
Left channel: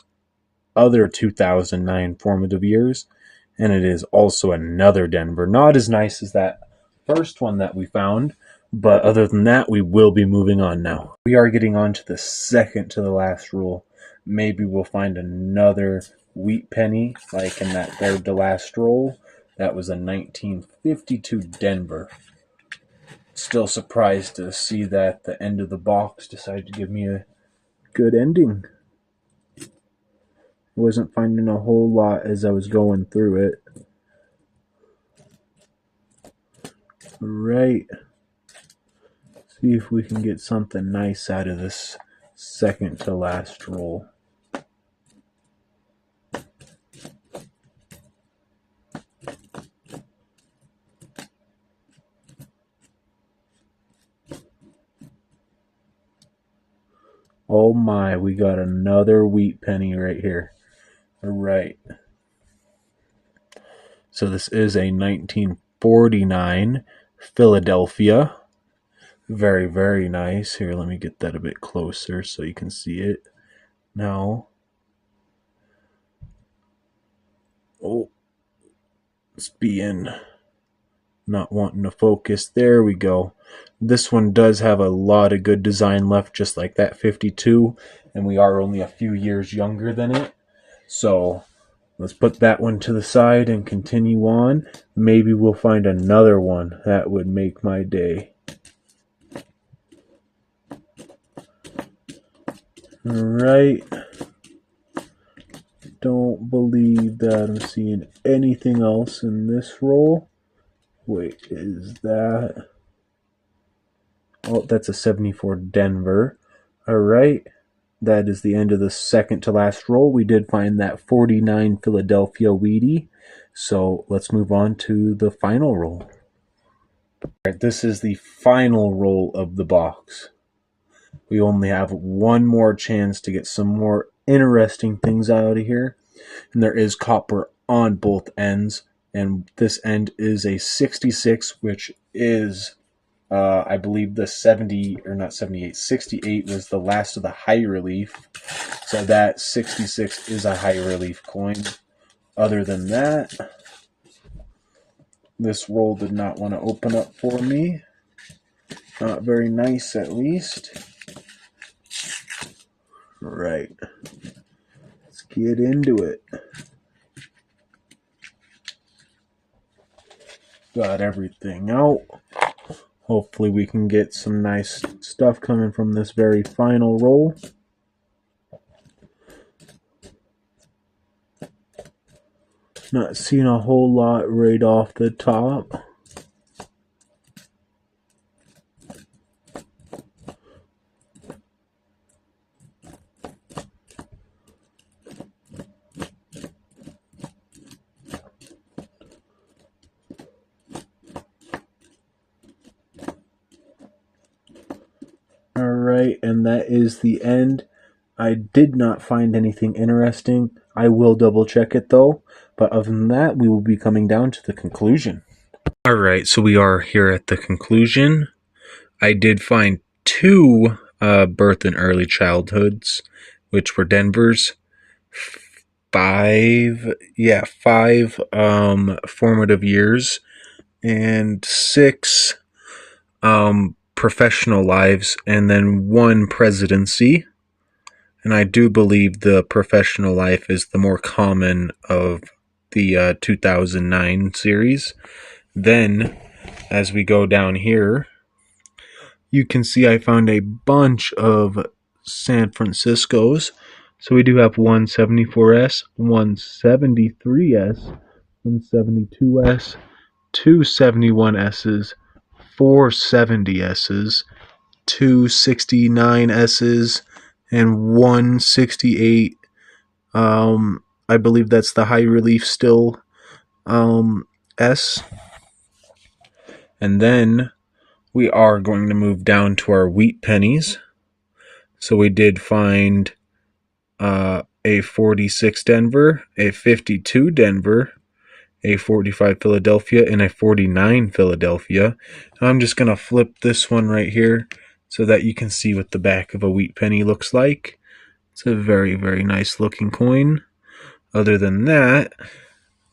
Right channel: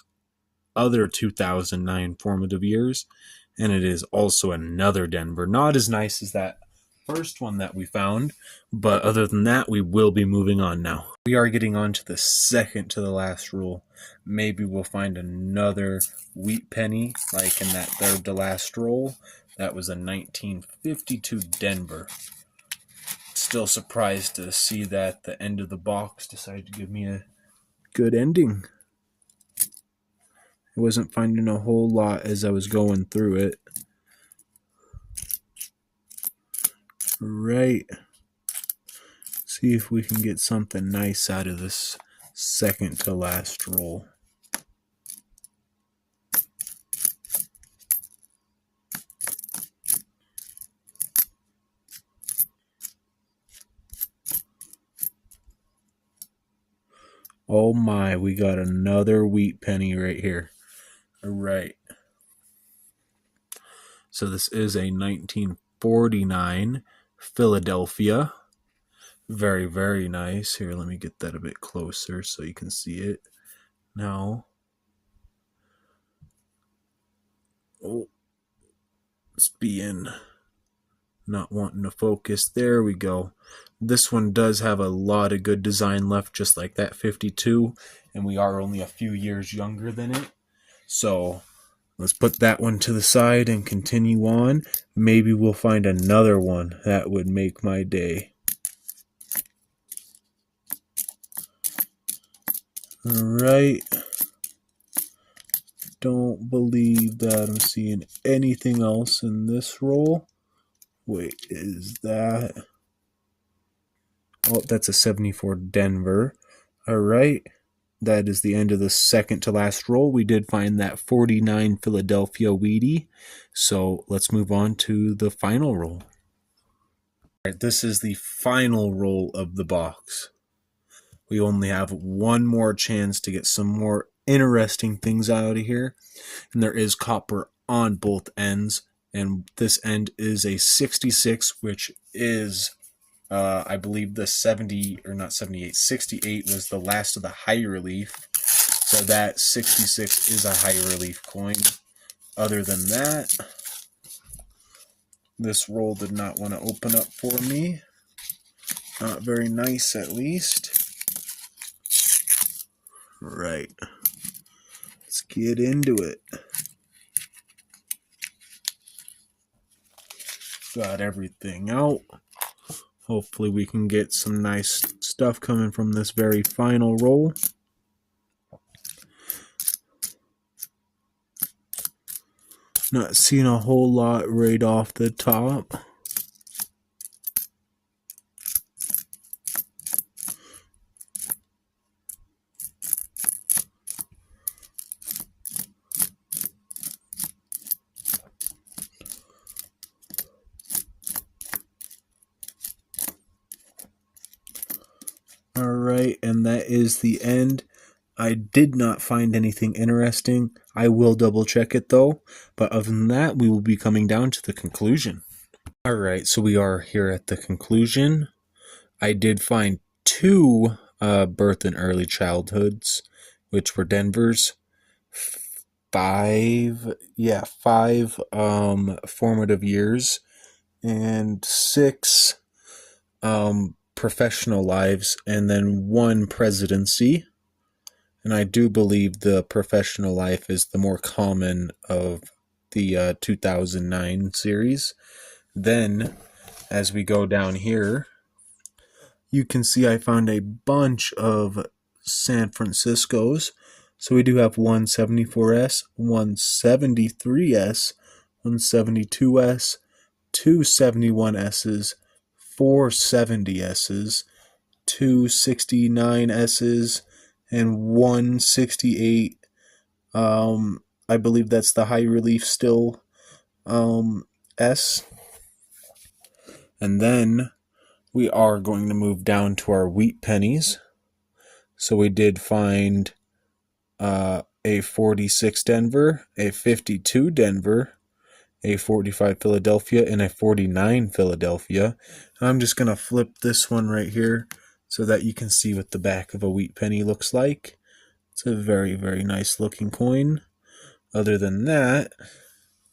other 2009 formative years, and it is also another Denver. Not as nice as that first one that we found, but other than that, we will be moving on now. We are getting on to the second to the last roll. Maybe we'll find another wheat penny, like in that third to last roll. That was a 1952 Denver. Still surprised to see that the end of the box decided to give me a good ending. I wasn't finding a whole lot as I was going through it. Right. See if we can get something nice out of this second to last roll. Oh my, we got another wheat penny right here. All right. So this is a 1949 Philadelphia. Very, very nice. Here, let me get that a bit closer so you can see it. Now, oh, it's being not wanting to focus. There we go. This one does have a lot of good design left, just like that 52, and we are only a few years younger than it. So let's put that one to the side and continue on. Maybe we'll find another one. That would make my day. All right. Don't believe that I'm seeing anything else in this roll. Wait, is that... Oh, that's a 74 Denver. All right. That is the end of the second to last roll. We did find that 49 Philadelphia Wheatie. So let's move on to the final roll. All right, this is the final roll of the box. We only have one more chance to get some more interesting things out of here. And there is copper on both ends. And this end is a 66, which is... I believe the 70, or not 78, 68 was the last of the high relief. So that 66 is a high relief coin. Other than that, this roll did not want to open up for me. Not very nice, at least. Right. Let's get into it. Got everything out. Hopefully we can get some nice stuff coming from this very final roll. Not seeing a whole lot right off the top. Alright, and that is the end. I did not find anything interesting. I will double check it though. But other than that, we will be coming down to the conclusion. Alright, so we are here at the conclusion. I did find 2 birth and early childhoods, which were Denver's. five formative years and 6 professional lives, and then 1 presidency. And I do believe the professional life is the more common of the 2009 series. Then, as we go down here, you can see I found a bunch of San Franciscos. So we do have 174S, 173S, 172S, 271Ss, 470Ss, 269Ss, and 168. I believe that's the high relief still S. And then we are going to move down to our wheat pennies. So we did find a 46 Denver, a 52 Denver, a 45 Philadelphia, and a 49 Philadelphia. And I'm just going to flip this one right here so that you can see what the back of a wheat penny looks like. It's a very, very nice looking coin. Other than that,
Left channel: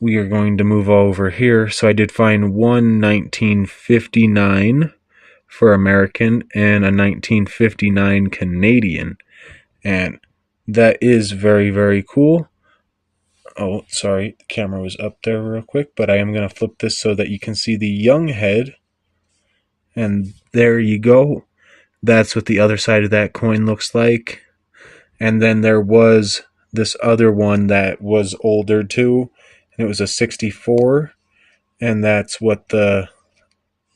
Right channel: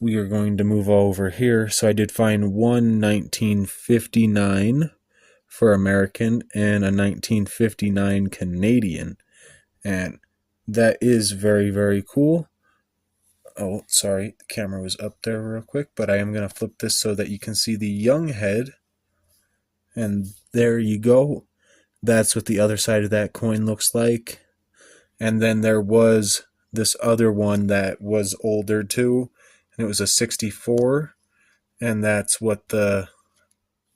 we are going to move over here. So I did find one 1959 for American and a 1959 Canadian. And that is very, very cool. Oh, sorry, the camera was up there real quick, but I am going to flip this so that you can see the young head. And there you go. That's what the other side of that coin looks like. And then there was this other one that was older too, and it was a 64, and that's what the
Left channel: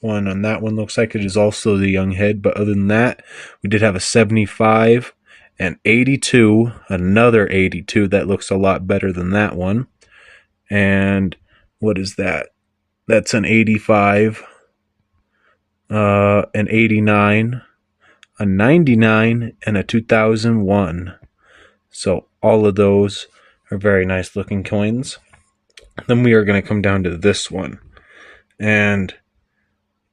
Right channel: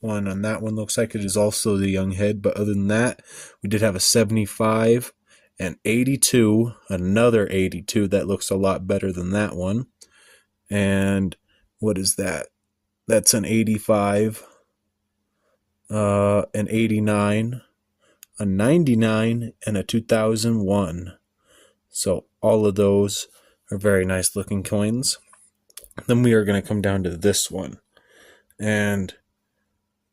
one on that one looks like. It is also the young head, but other than that, we did have a 75, an 82, another 82 that looks a lot better than that one. And what is that? That's an 85, an 89, a 99, and a 2001. So all of those are very nice looking coins. Then we are going to come down to this one. And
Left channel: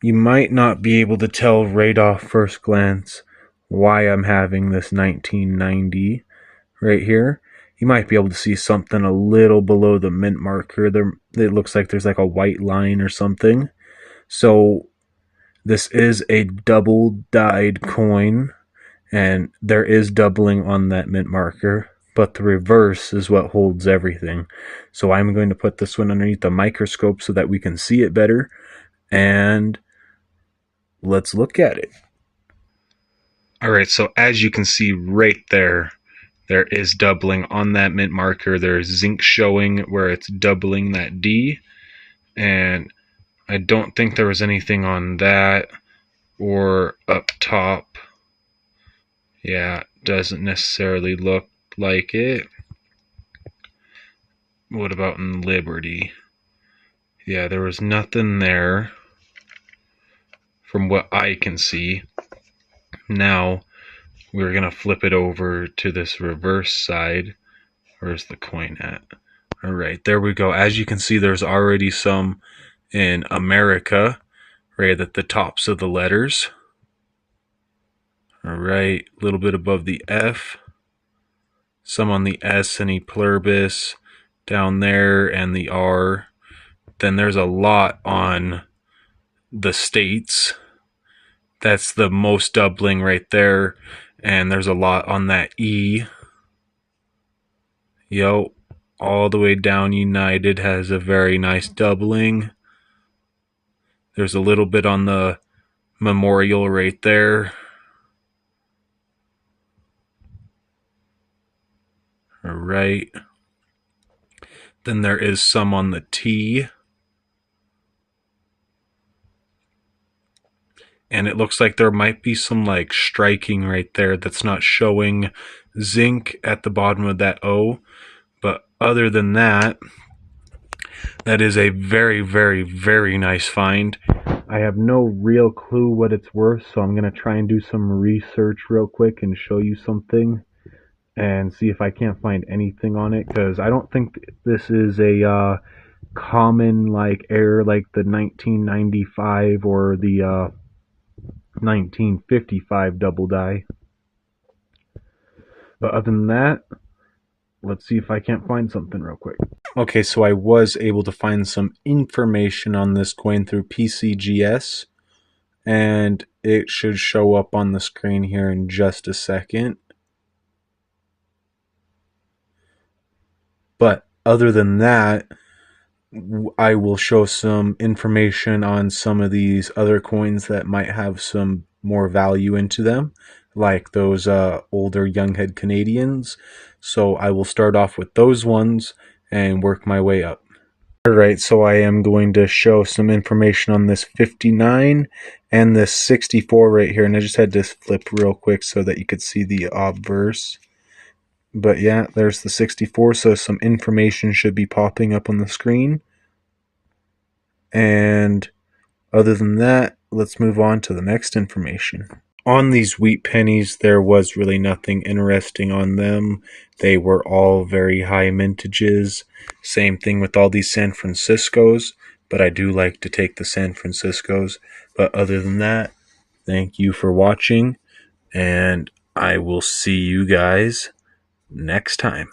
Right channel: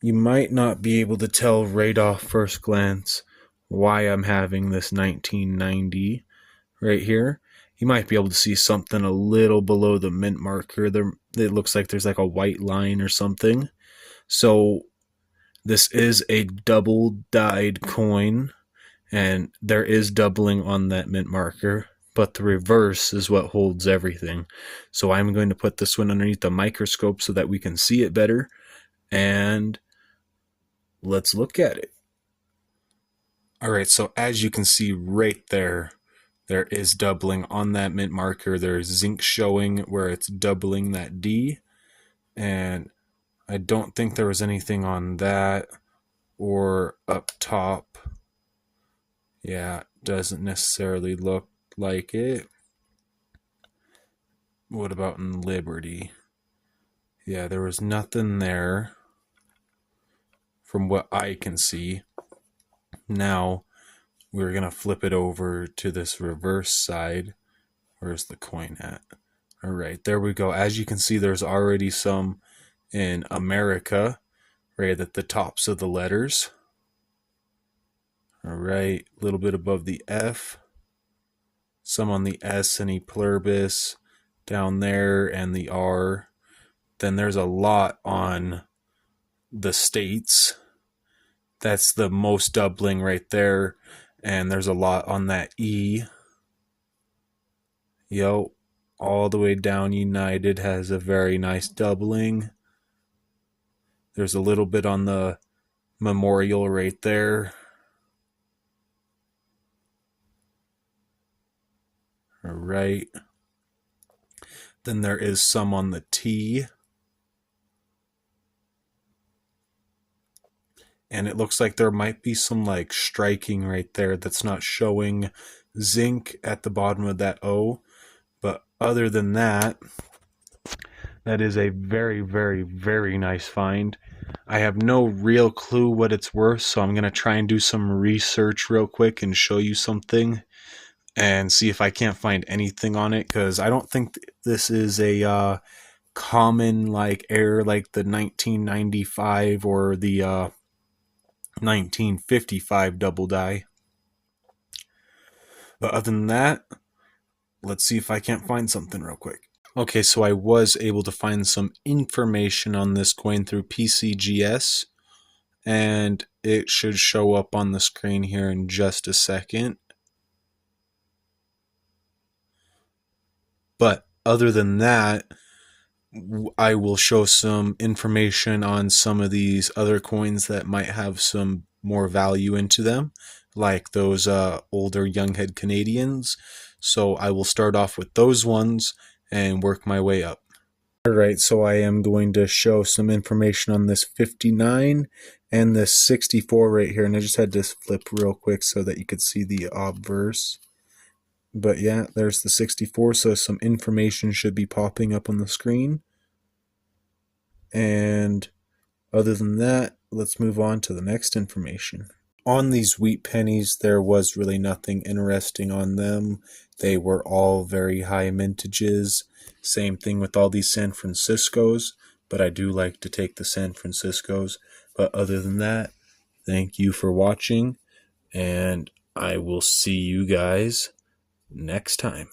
you might not be able to tell right off first glance why I'm having this 1990 right here. You might be able to see something a little below the mint marker. There, it looks like there's like a white line or something. So this is a double dyed coin, and there is doubling on that mint marker, but the reverse is what holds everything. So I'm going to put this one underneath the microscope so that we can see it better, and let's look at it. All right, so as you can see right there, there is doubling on that mint marker. There's zinc showing where it's doubling that D, and I don't think there was anything on that or up top. Yeah, doesn't necessarily look like it. What about in Liberty? Yeah, there was nothing there from what I can see. Now we're going to flip it over to this reverse side. Where's the coin at? All right, there we go. As you can see, there's already some in America right at the tops of the letters. All right, a little bit above the F. Some on the S and E pluribus down there, and the R. Then there's a lot on the states. That's the most doubling right there. And there's a lot on that E. Yo, all the way down United has a very nice doubling. There's a little bit on the Memorial right there. All right. Then there is some on the T. And it looks like there might be some like striking right there that's not showing zinc at the bottom of that O. But other than that, that is a very, very, very nice find. I have no real clue what it's worth, so I'm going to try and do some research real quick and show you something and see if I can't find anything on it, because I don't think this is a common like error like the 1995 or the 1955 double die. But other than that, let's see if I can't find something real quick. Okay, so I was able to find some information on this coin through PCGS, and it should show up on the screen here in just a second. But other than that, I will show some information on some of these other coins that might have some more value into them, like those older Younghead Canadians. So I will start off with those ones and work my way up. Alright, so I am going to show some information on this 59 and this 64 right here, and I just had to flip real quick so that you could see the obverse. But yeah, there's the 64, so some information should be popping up on the screen. And other than that, let's move on to the next information. On these wheat pennies, there was really nothing interesting on them. They were all very high mintages. Same thing with all these San Franciscos, but I do like to take the San Franciscos. But other than that, thank you for watching, and I will see you guys next time.